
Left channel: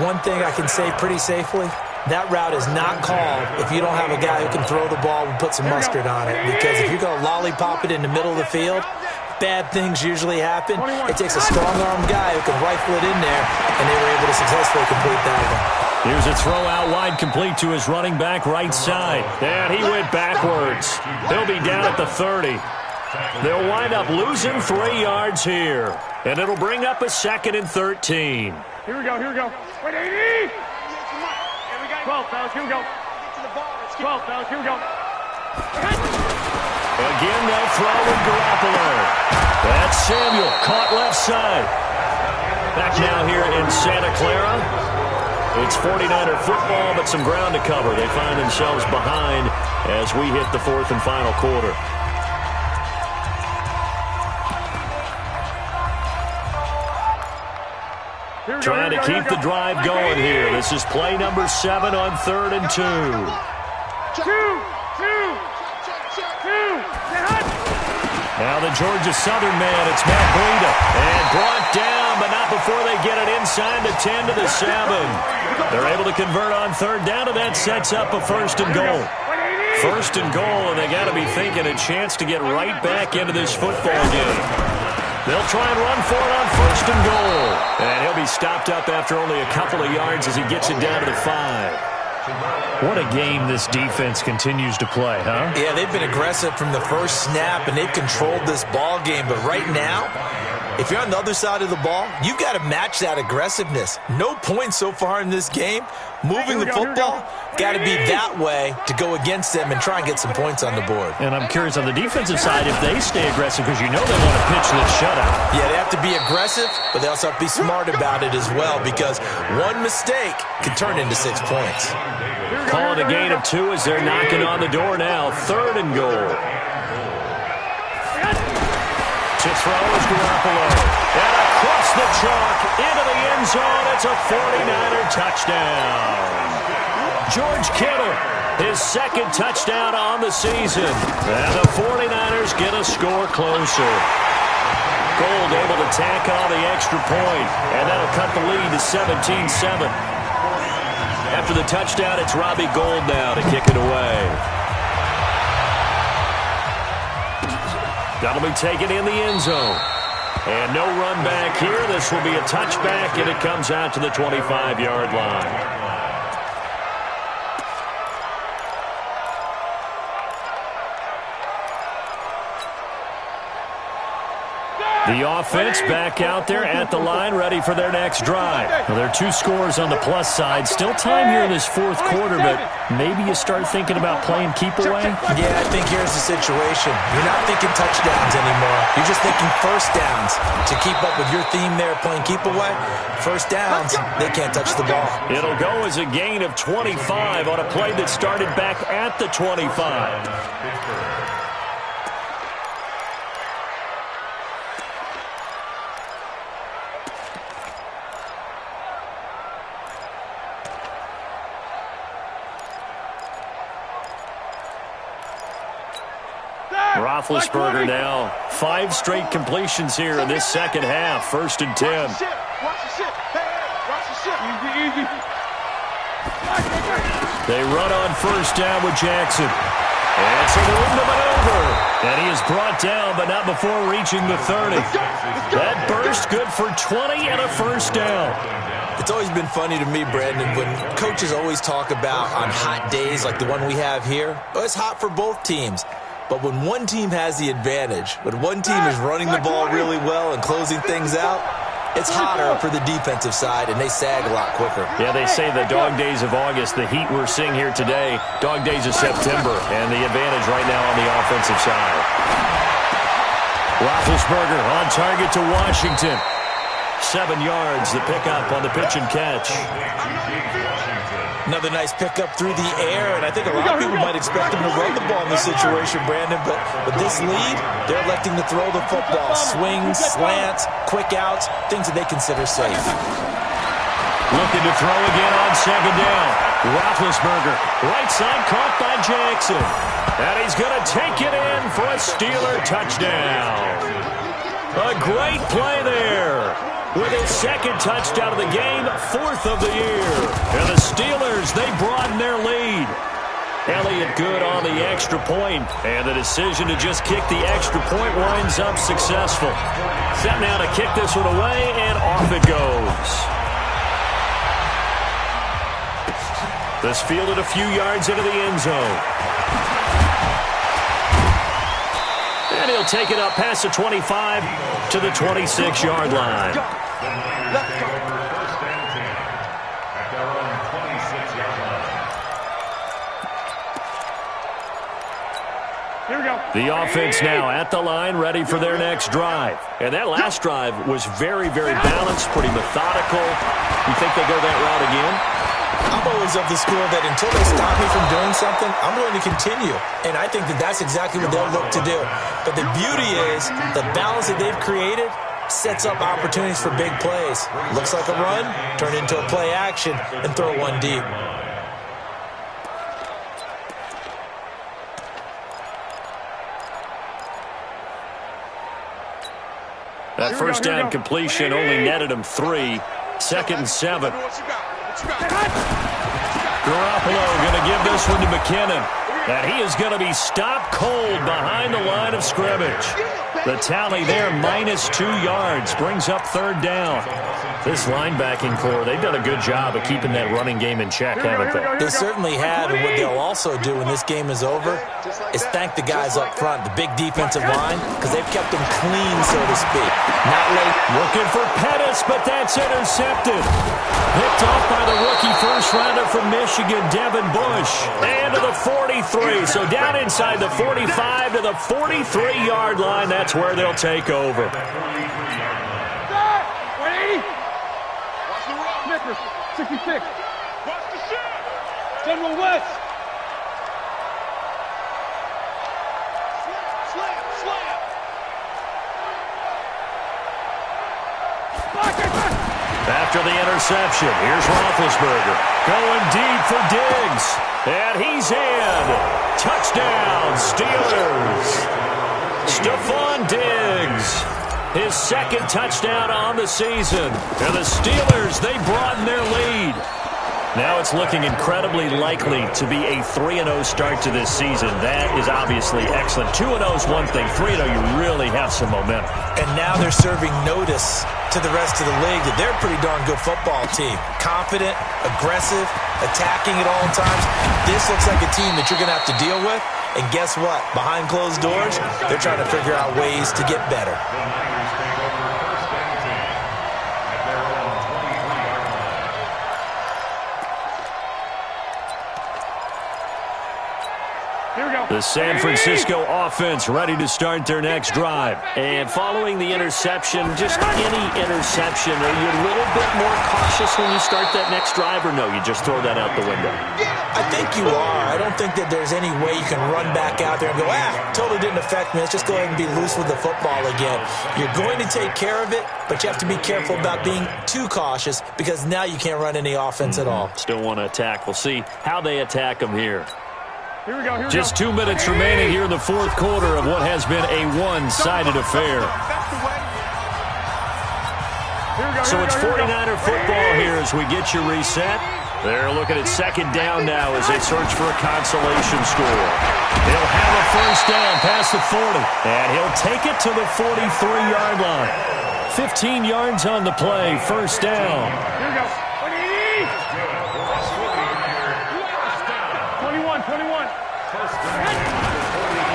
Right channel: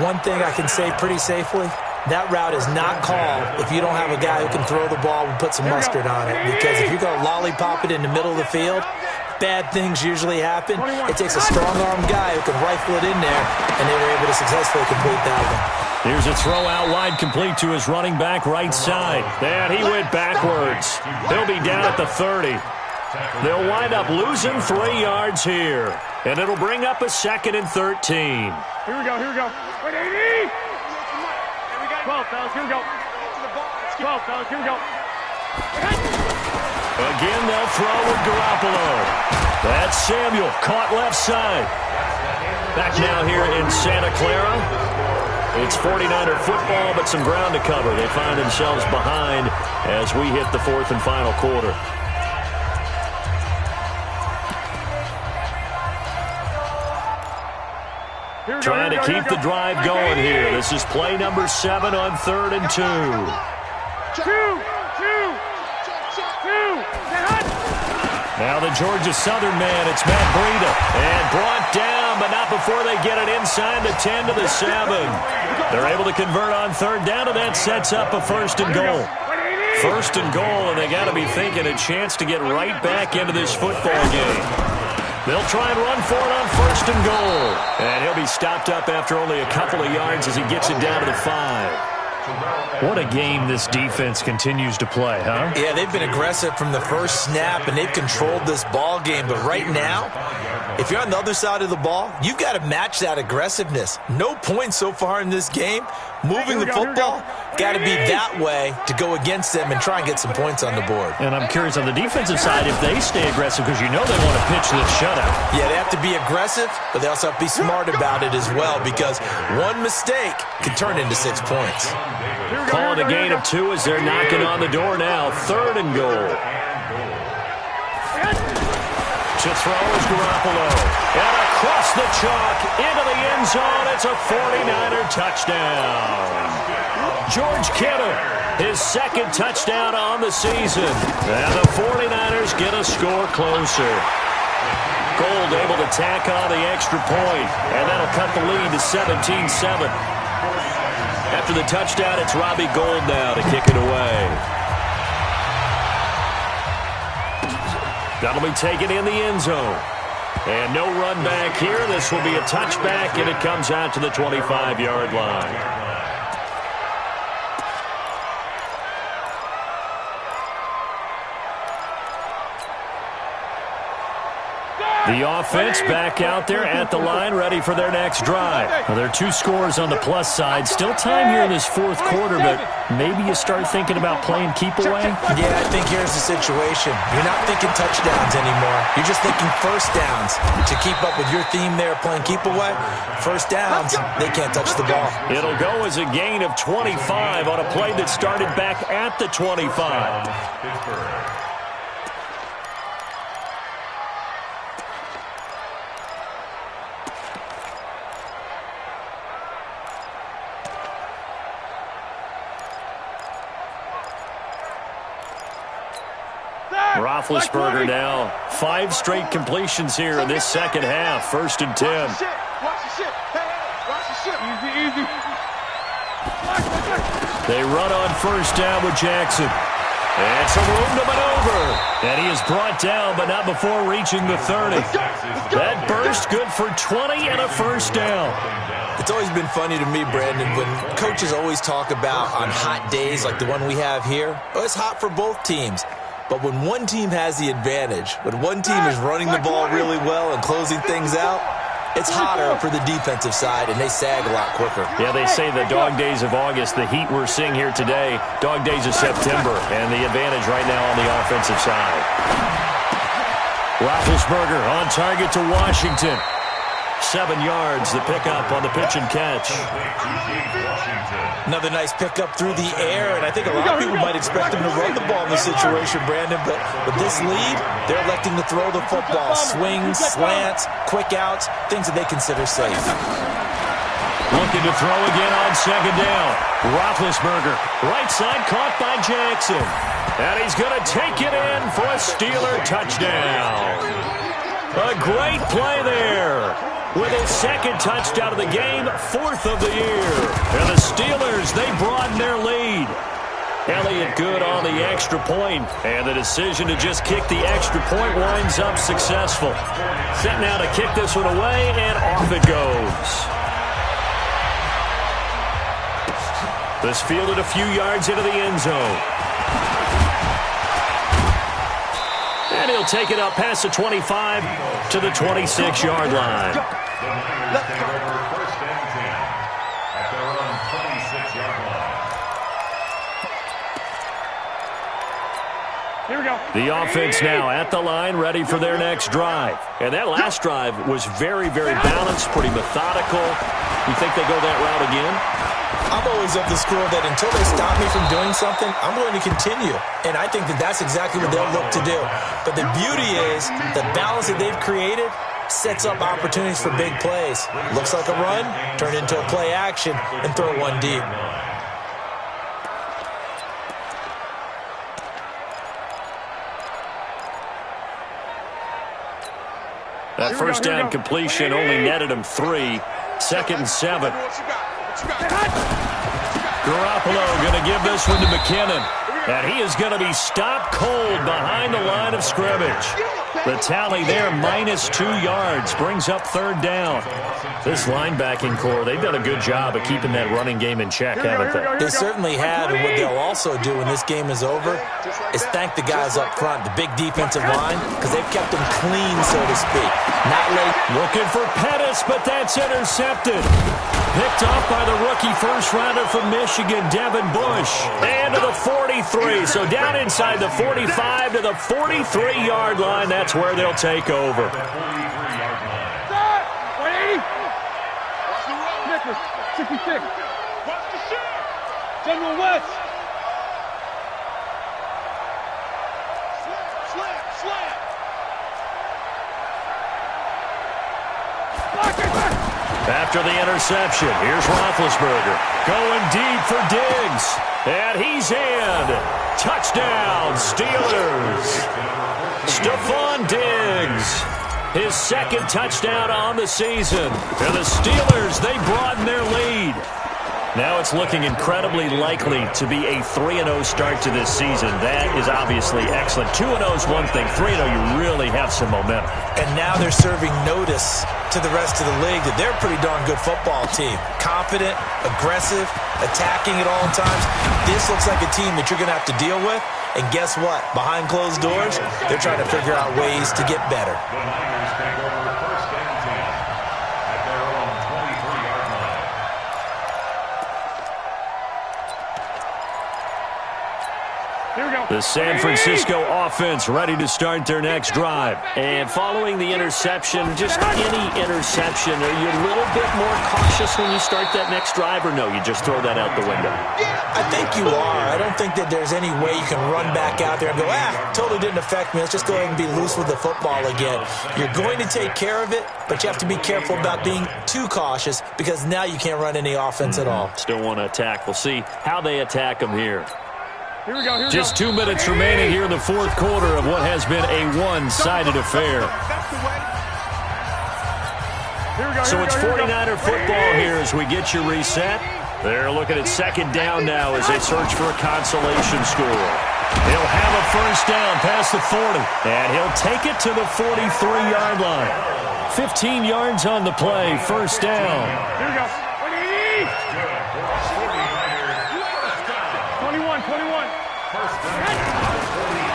One thing I can say pretty safely, that route is not called if you don't have a guy who can throw the ball and put some mustard on it. Because if you're going to lollipop it in the middle of the field, bad things usually happen. It takes a strong-arm guy who can rifle it in there, and they were able to successfully complete that one. Here's a throw out wide complete to his running back right side. And he went backwards. He'll be down at the 30. They'll wind up losing 3 yards here. And it'll bring up a 2nd and 13. Here we go. Wait, 80. 12, fellas, here we go. 12, fellas, here we go. Again, they'll throw with Garoppolo. That's Samuel, caught left side. Back now here in Santa Clara. It's 49er football, but some ground to cover. They find themselves behind as we hit the fourth and final quarter. Trying to keep the drive going here. This is play number 7 on 3rd and 2. Now the Georgia Southern man, it's Matt Breida. And brought down, but not before they get it inside the 10 to the 7. They're able to convert on 3rd down, and that sets up a 1st and goal. 1st and goal, and they got to be thinking a chance to get right back into this football game. They'll try and run for it on 1st and goal. And he'll be stopped up after only a couple of yards as he gets it down to the 5. What a game this defense continues to play, huh? Yeah, they've been aggressive from the first snap, and they've controlled this ball game. But right now, if you're on the other side of the ball, you've got to match that aggressiveness. No points so far in this game. Moving the football, got to be that way to go against them and try and get some points on the board. And I'm curious on the defensive side if they stay aggressive, because you know they want to pitch this shutout. Yeah, they have to be aggressive, but they also have to be smart about it as well, because one mistake can turn into 6 points. Calling a gain of 2 as they're knocking on the door now. 3rd and goal. To throw is Garoppolo. And across the chalk into the end zone. It's a 49er touchdown. George Kittle, his 2nd touchdown on the season. And the 49ers get a score closer. Gold able to tack on the extra point. And that'll cut the lead to 17-7. After the touchdown, it's Robbie Gould now to kick it away. That'll be taken in the end zone. And no run back here. This will be a touchback, and it comes out to the 25-yard line. The offense back out there at the line, ready for their next drive. Well, there are 2 scores on the plus side. Still time here in this 4th quarter, but maybe you start thinking about playing keep away? Yeah, I think here's the situation. You're not thinking touchdowns anymore. You're just thinking first downs. To keep up with your theme there, playing keep away, first downs, they can't touch the ball. It'll go as a gain of 25 on a play that started back at the 25. Roethlisberger now. 5 straight completions here in this second half. 1st and 10. Watch the ship. Hey, watch the ship. Easy. They run on 1st down with Jackson. And some room to maneuver. And he is brought down, but not before reaching the 30. That burst good for 20 and a 1st down. It's always been funny to me, Brandon, when coaches always talk about on hot days like the one we have here. Oh, it's hot for both teams. But when one team has the advantage, when one team is running the ball really well and closing things out, it's hotter for the defensive side, and they sag a lot quicker. Yeah, they say the dog days of August, the heat we're seeing here today, dog days of September, and the advantage right now on the offensive side. Roethlisberger on target to Washington. 7 yards, the pickup on the pitch and catch. Another nice pickup through the air, and I think a lot of people might expect him to run the ball in this situation, Brandon, but with this lead, they're electing to throw the football. Swings, slants, quick outs, things that they consider safe. Looking to throw again on 2nd down. Roethlisberger, right side, caught by Jackson. And he's going to take it in for a Steeler touchdown. A great play there. With his 2nd touchdown of the game, 4th of the year. And the Steelers, they broaden their lead. Elliott good on the extra point, and the decision to just kick the extra point winds up successful. Set now to kick this one away, and off it goes. This fielded a few yards into the end zone. And he'll take it up past the 25 to the 26-yard line. Let's go. 1st and 10 at their own 26-yard line. Here we go. The offense now at the line, ready for their next drive. And that last drive was very, very balanced, pretty methodical. You think they go that route again? I'm always of the school that until they stop me from doing something, I'm going to continue. And I think that that's exactly what they'll look to do. But the beauty is the balance that they've created sets up opportunities for big plays. Looks like a run, turn into a play action, and throw one deep. That first down completion only netted him 3. 2nd and 7. Garoppolo going to give this one to McKinnon. And he is going to be stopped cold behind the line of scrimmage. The tally there, -2 yards, brings up 3rd down. This linebacking core, they've done a good job of keeping that running game in check, haven't they? They certainly have, and what they'll also do when this game is over is thank the guys up front, the big defensive line, because they've kept them clean, so to speak. Not late. Looking for Pettis, but that's intercepted. Picked off by the rookie first-rounder from Michigan, Devin Bush. And to the 43, so down inside the 45 to the 43-yard line. That's where they'll take over. 180. Watch the road. Snickers, 66. Watch the shit. General West. Slam. After the interception, here's Roethlisberger going deep for Diggs. And he's in. Touchdown, Steelers. Stephon Diggs. His 2nd touchdown on the season. And the Steelers, they broaden their lead. Now it's looking incredibly likely to be a 3-0 start to this season. That is obviously excellent. 2-0 is one thing. 3-0, you really have some momentum. And now they're serving notice to the rest of the league that they're a pretty darn good football team. Confident, aggressive, attacking at all times. This looks like a team that you're going to have to deal with. And guess what? Behind closed doors, they're trying to figure out ways to get better. The Niners take over 1st and 10 at their own 23-yard line. Here we go. The San Francisco offense ready to start their next drive. And following the interception, just any interception, are you a little bit more cautious when you start that next drive, or no, you just throw that out the window? I think you are. I don't think that there's any way you can run back out there and go, totally didn't affect me. Let's just go ahead and be loose with the football again. You're going to take care of it, but you have to be careful about being too cautious because now you can't run any offense at all. Still want to attack. We'll see how they attack them here. Here we go. Just 2 minutes remaining here in the 4th quarter of what has been a one-sided affair. So it's 49er football here as we get you reset. They're looking at 2nd down now as they search for a consolation score. He'll have a first down past the 40, and he'll take it to the 43-yard line. 15 yards on the play, first down. Here we go. 21.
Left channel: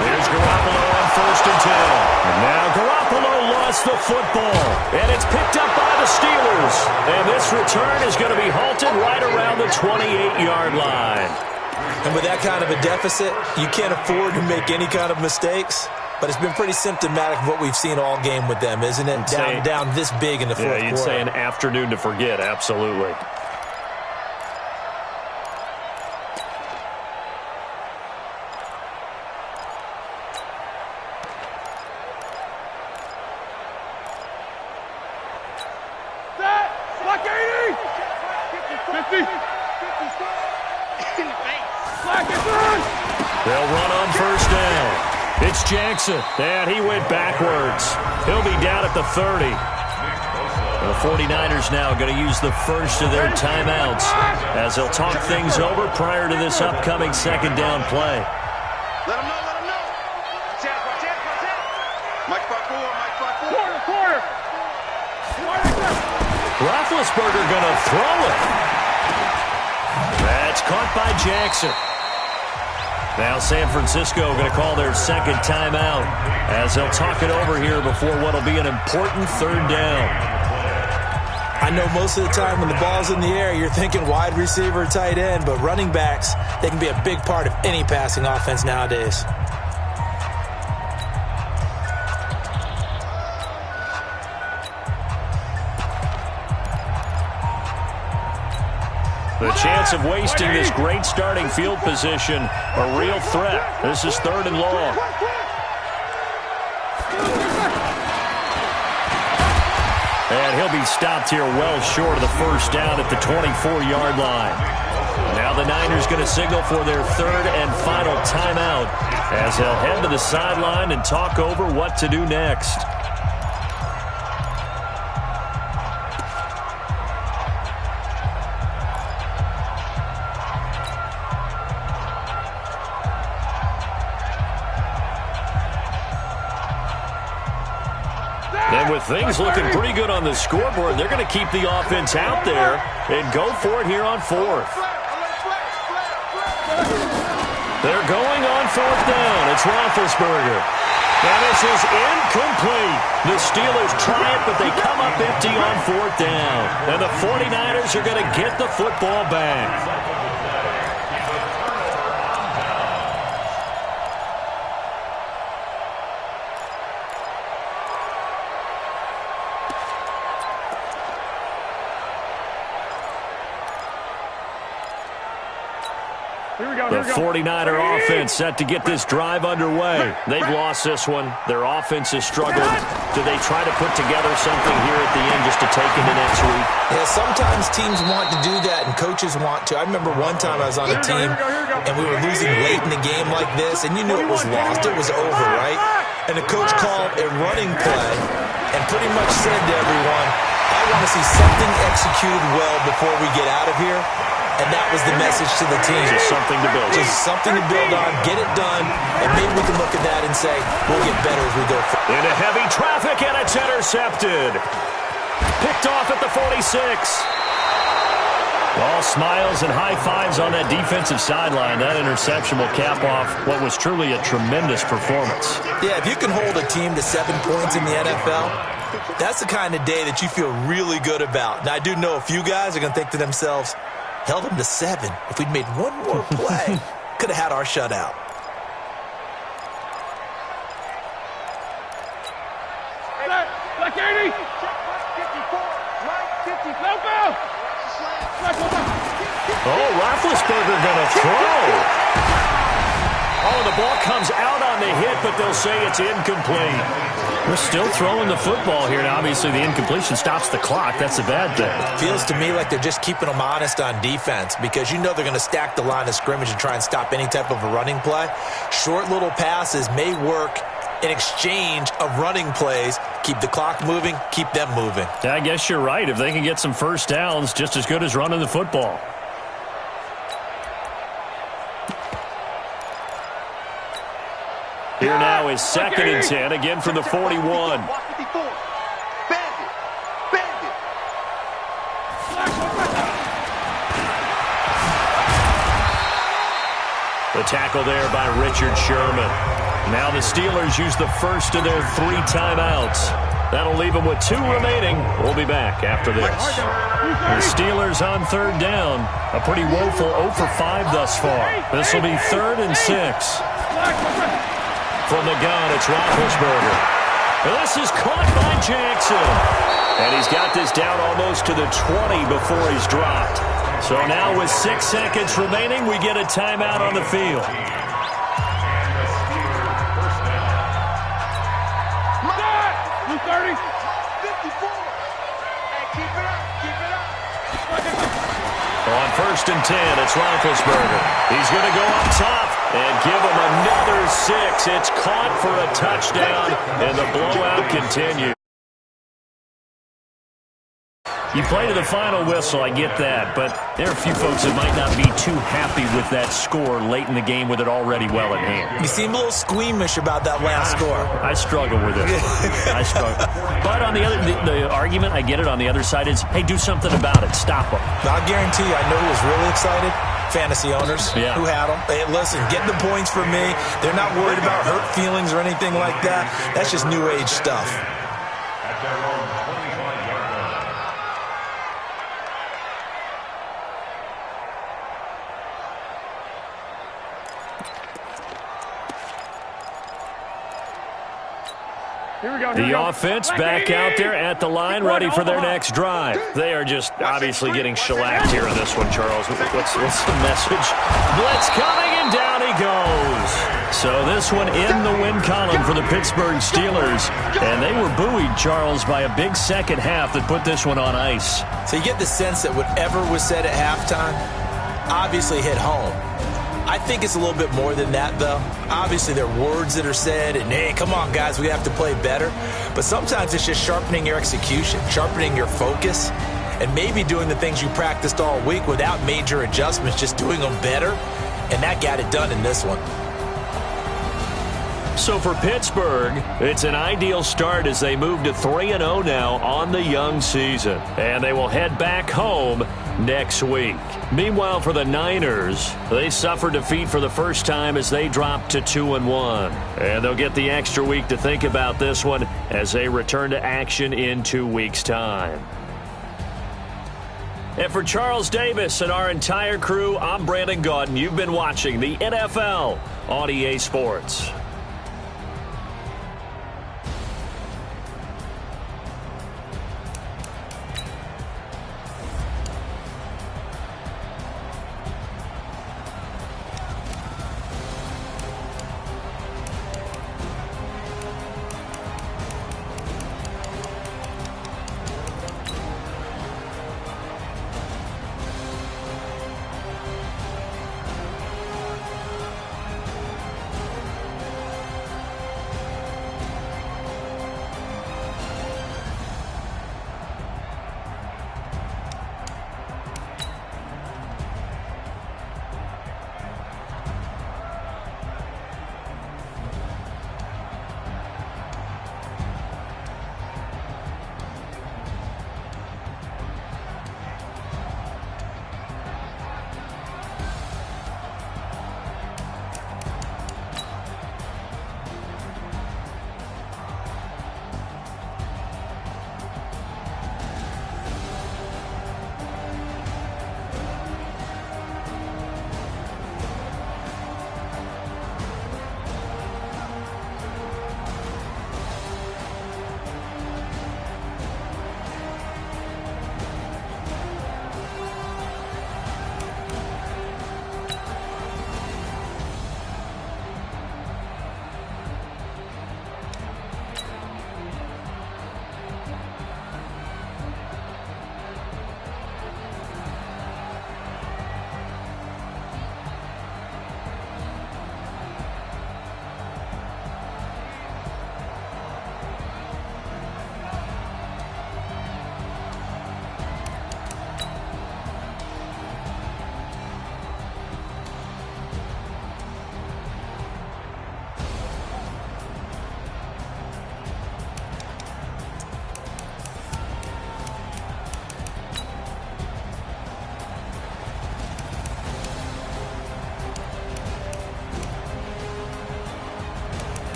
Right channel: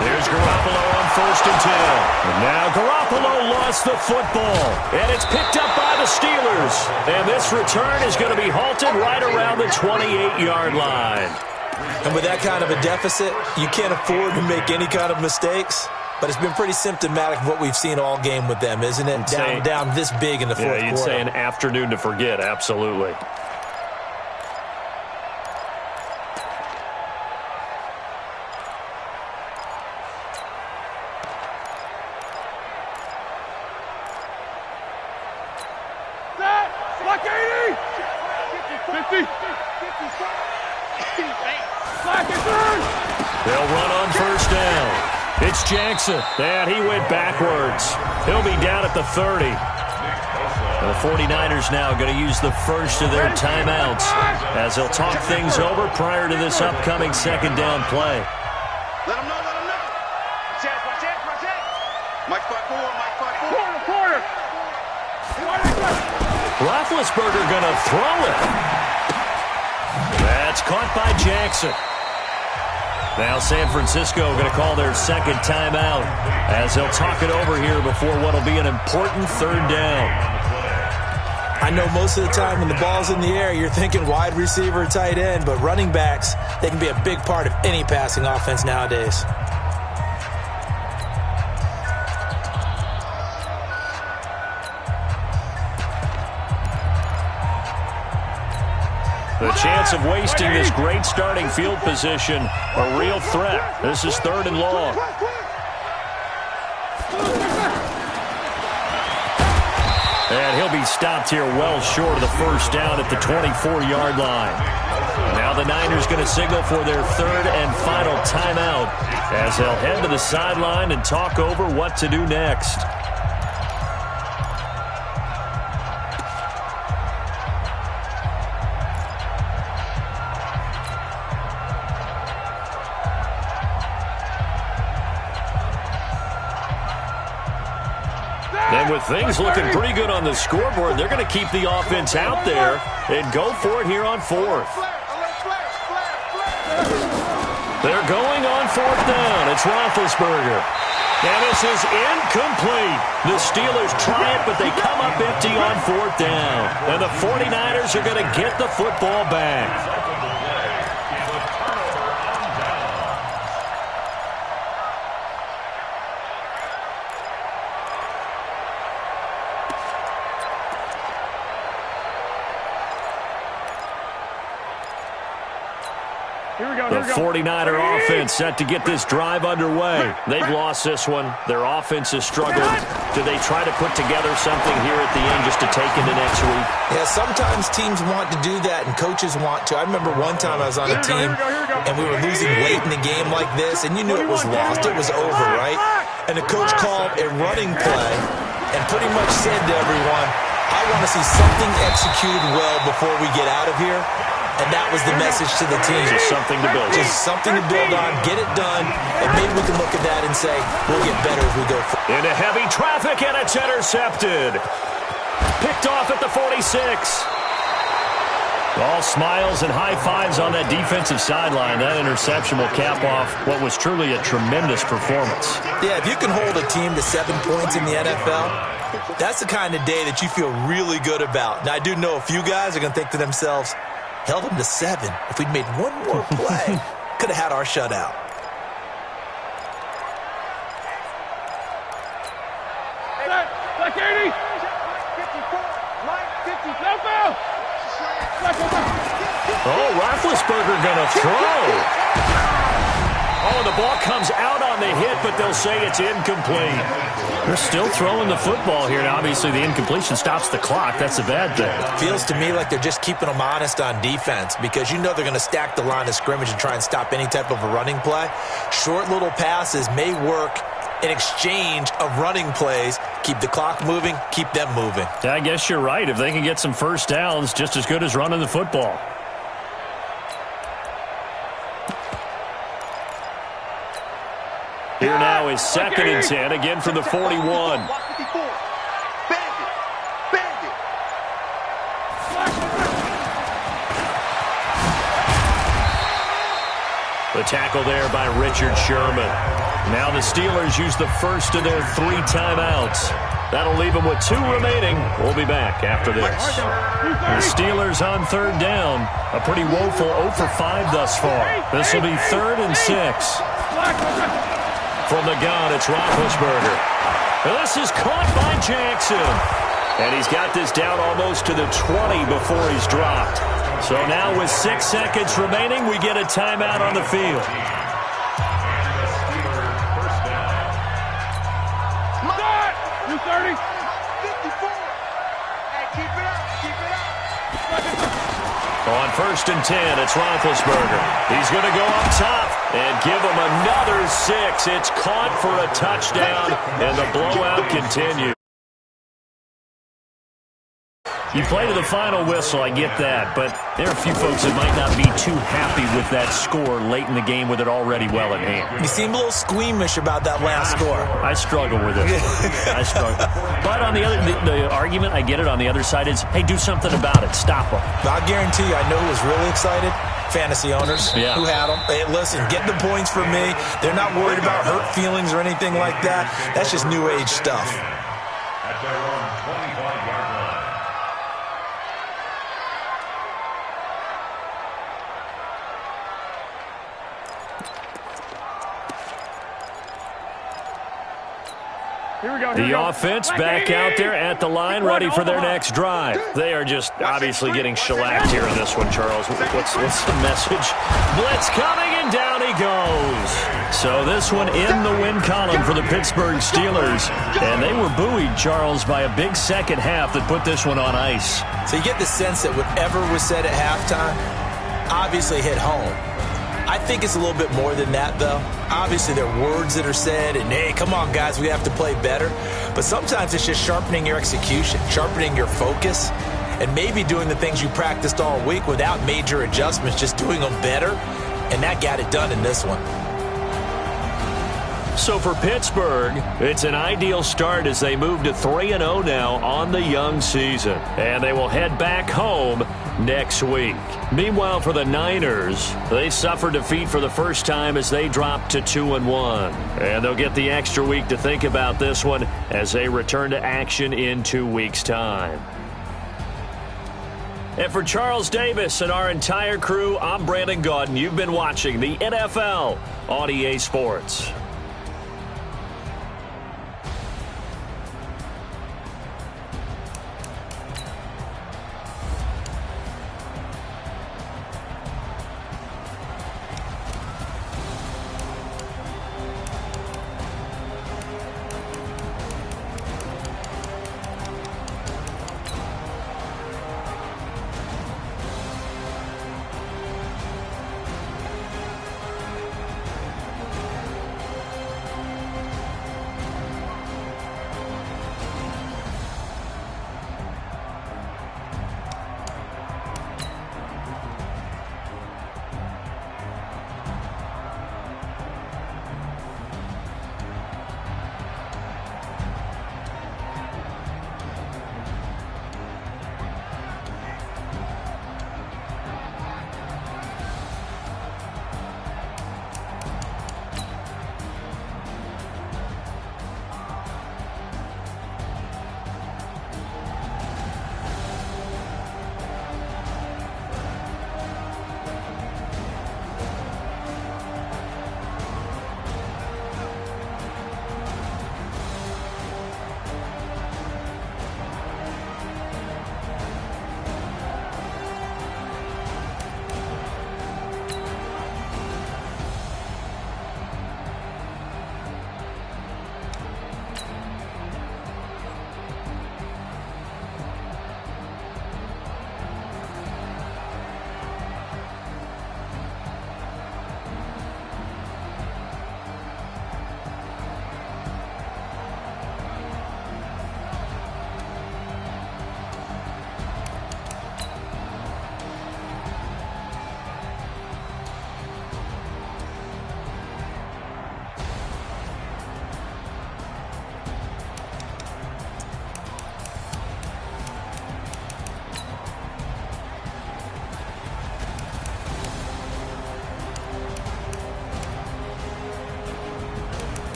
There's Garoppolo on 1st and 10. And now Garoppolo lost the football. And it's picked up by the Steelers. And this return is going to be halted right around the 28-yard line. And with that kind of a deficit, you can't afford to make any kind of mistakes. But it's been pretty symptomatic of what we've seen all game with them, isn't it? Down this big in the 4th quarter. Yeah, you'd say an afternoon to forget, absolutely. Block 80! 50! Black is in! They'll run on first down. It's Jackson. And he went backwards. He'll be down at the 30. The 49ers now going to use the first of their timeouts as they'll talk things over prior to this upcoming 2nd down play. Let him know. Watch that. Mike 5-4. Quarter. Roethlisberger going to throw it. That's caught by Jackson. Now San Francisco going to call their 2nd timeout as they'll talk it over here before what will be an important 3rd down. I know most of the time when the ball's in the air, you're thinking wide receiver, tight end, but running backs, they can be a big part of any passing offense nowadays. The chance of wasting this great starting field position, a real threat. This is 3rd and long. And he'll be stopped here well short of the first down at the 24-yard line. Now the Niners going to signal for their 3rd and final timeout as they'll head to the sideline and talk over what to do next. And with things looking pretty good on the scoreboard, they're going to keep the offense out there and go for it here on 4th. They're going on 4th down. It's Roethlisberger. And this is incomplete. The Steelers try it, but they come up empty on 4th down. And the 49ers are going to get the football back. The 49er offense set to get this drive underway. They've lost this one. Their offense has struggled. Do they try to put together something here at the end just to take into next week? Yeah, sometimes teams want to do that and coaches want to. I remember one time I was on a team and we were losing late in the game like this, and you knew it was lost. It was over, right? And the coach called a running play and pretty much said to everyone, I want to see something executed well before we get out of here. And that was the message to the team. Just something to build on. Just something to build on, get it done, and maybe we can look at that and say, we'll get better as we go forward. Into heavy traffic, and it's intercepted. Picked off at the 46. All smiles and high fives on that defensive sideline. That interception will cap off what was truly a tremendous performance. Yeah, if you can hold a team to 7 points in the NFL, that's the kind of day that you feel really good about. Now, I do know a few guys are going to think to themselves, held them to 7. If we'd made one more play, could have had our shutout. Black 80. Check, 54. Mike 50. No foul. Oh, Roethlisberger going to throw. Oh, the ball comes out on the hit, but they'll say it's incomplete. They're still throwing the football here. Now, obviously, the incompletion stops the clock. That's a bad thing. Feels to me like they're just keeping them honest on defense because you know they're going to stack the line of scrimmage and try and stop any type of a running play. Short little passes may work in exchange of running plays. Keep the clock moving, keep them moving. Yeah, I guess you're right. If they can get some first downs, just as good as running the football. Here now is 2nd and 10, again from the 41. The tackle there by Richard Sherman. Now the Steelers use the first of their 3 timeouts. That'll leave them with 2 remaining. We'll be back after this. The Steelers on 3rd down. A pretty woeful 0 for 5 thus far. This will be 3rd and 6. From the gun, it's Roethlisberger. And this is caught by Jackson. And he's got this down almost to the 20 before he's dropped. So now with 6 seconds remaining, we get a timeout on the field. And the Steelers first down. 230. 54. Hey, keep it up. Keep it up. On 1st and 10, it's Roethlisberger. He's going to go up top and give him another 6. It's caught for a touchdown, and the blowout continues. You play to the final whistle, I get that, but there are a few folks that might not be too happy with that score late in the game with it already well in hand. You seem a little squeamish about that last score. I struggle with it. I struggle. But on the other, the argument, I get it, on the other side is, hey, do something about it. Stop them. I'll guarantee you, I know who was really excited. Fantasy owners who had them. Hey, listen, get the points from me. They're not worried about hurt feelings or anything like that. That's just new age stuff. At their own 25-yard line. The offense back out there at the line, ready for their next drive. They are just obviously getting shellacked here in this one, Charles. What's the message? Blitz coming, and down he goes. So this one in the win column for the Pittsburgh Steelers. And they were buoyed, Charles, by a big second half that put this one on ice. So you get the sense that whatever was said at halftime obviously hit home. I think it's a little bit more than that, though. Obviously, there are words that are said, and, hey, come on, guys, we have to play better. But sometimes it's just sharpening your execution, sharpening your focus, and maybe doing the things you practiced all week without major adjustments, just doing them better, and that got it done in this one. So for Pittsburgh, it's an ideal start as they move to 3-0 now on the young season. And they will head back home next week. Meanwhile, for the Niners, they suffered defeat for the first time as they dropped to 2-1. And they'll get the extra week to think about this one as they return to action in 2 weeks' time. And for Charles Davis and our entire crew, I'm Brandon Gaudin. You've been watching the NFL on EA Sports.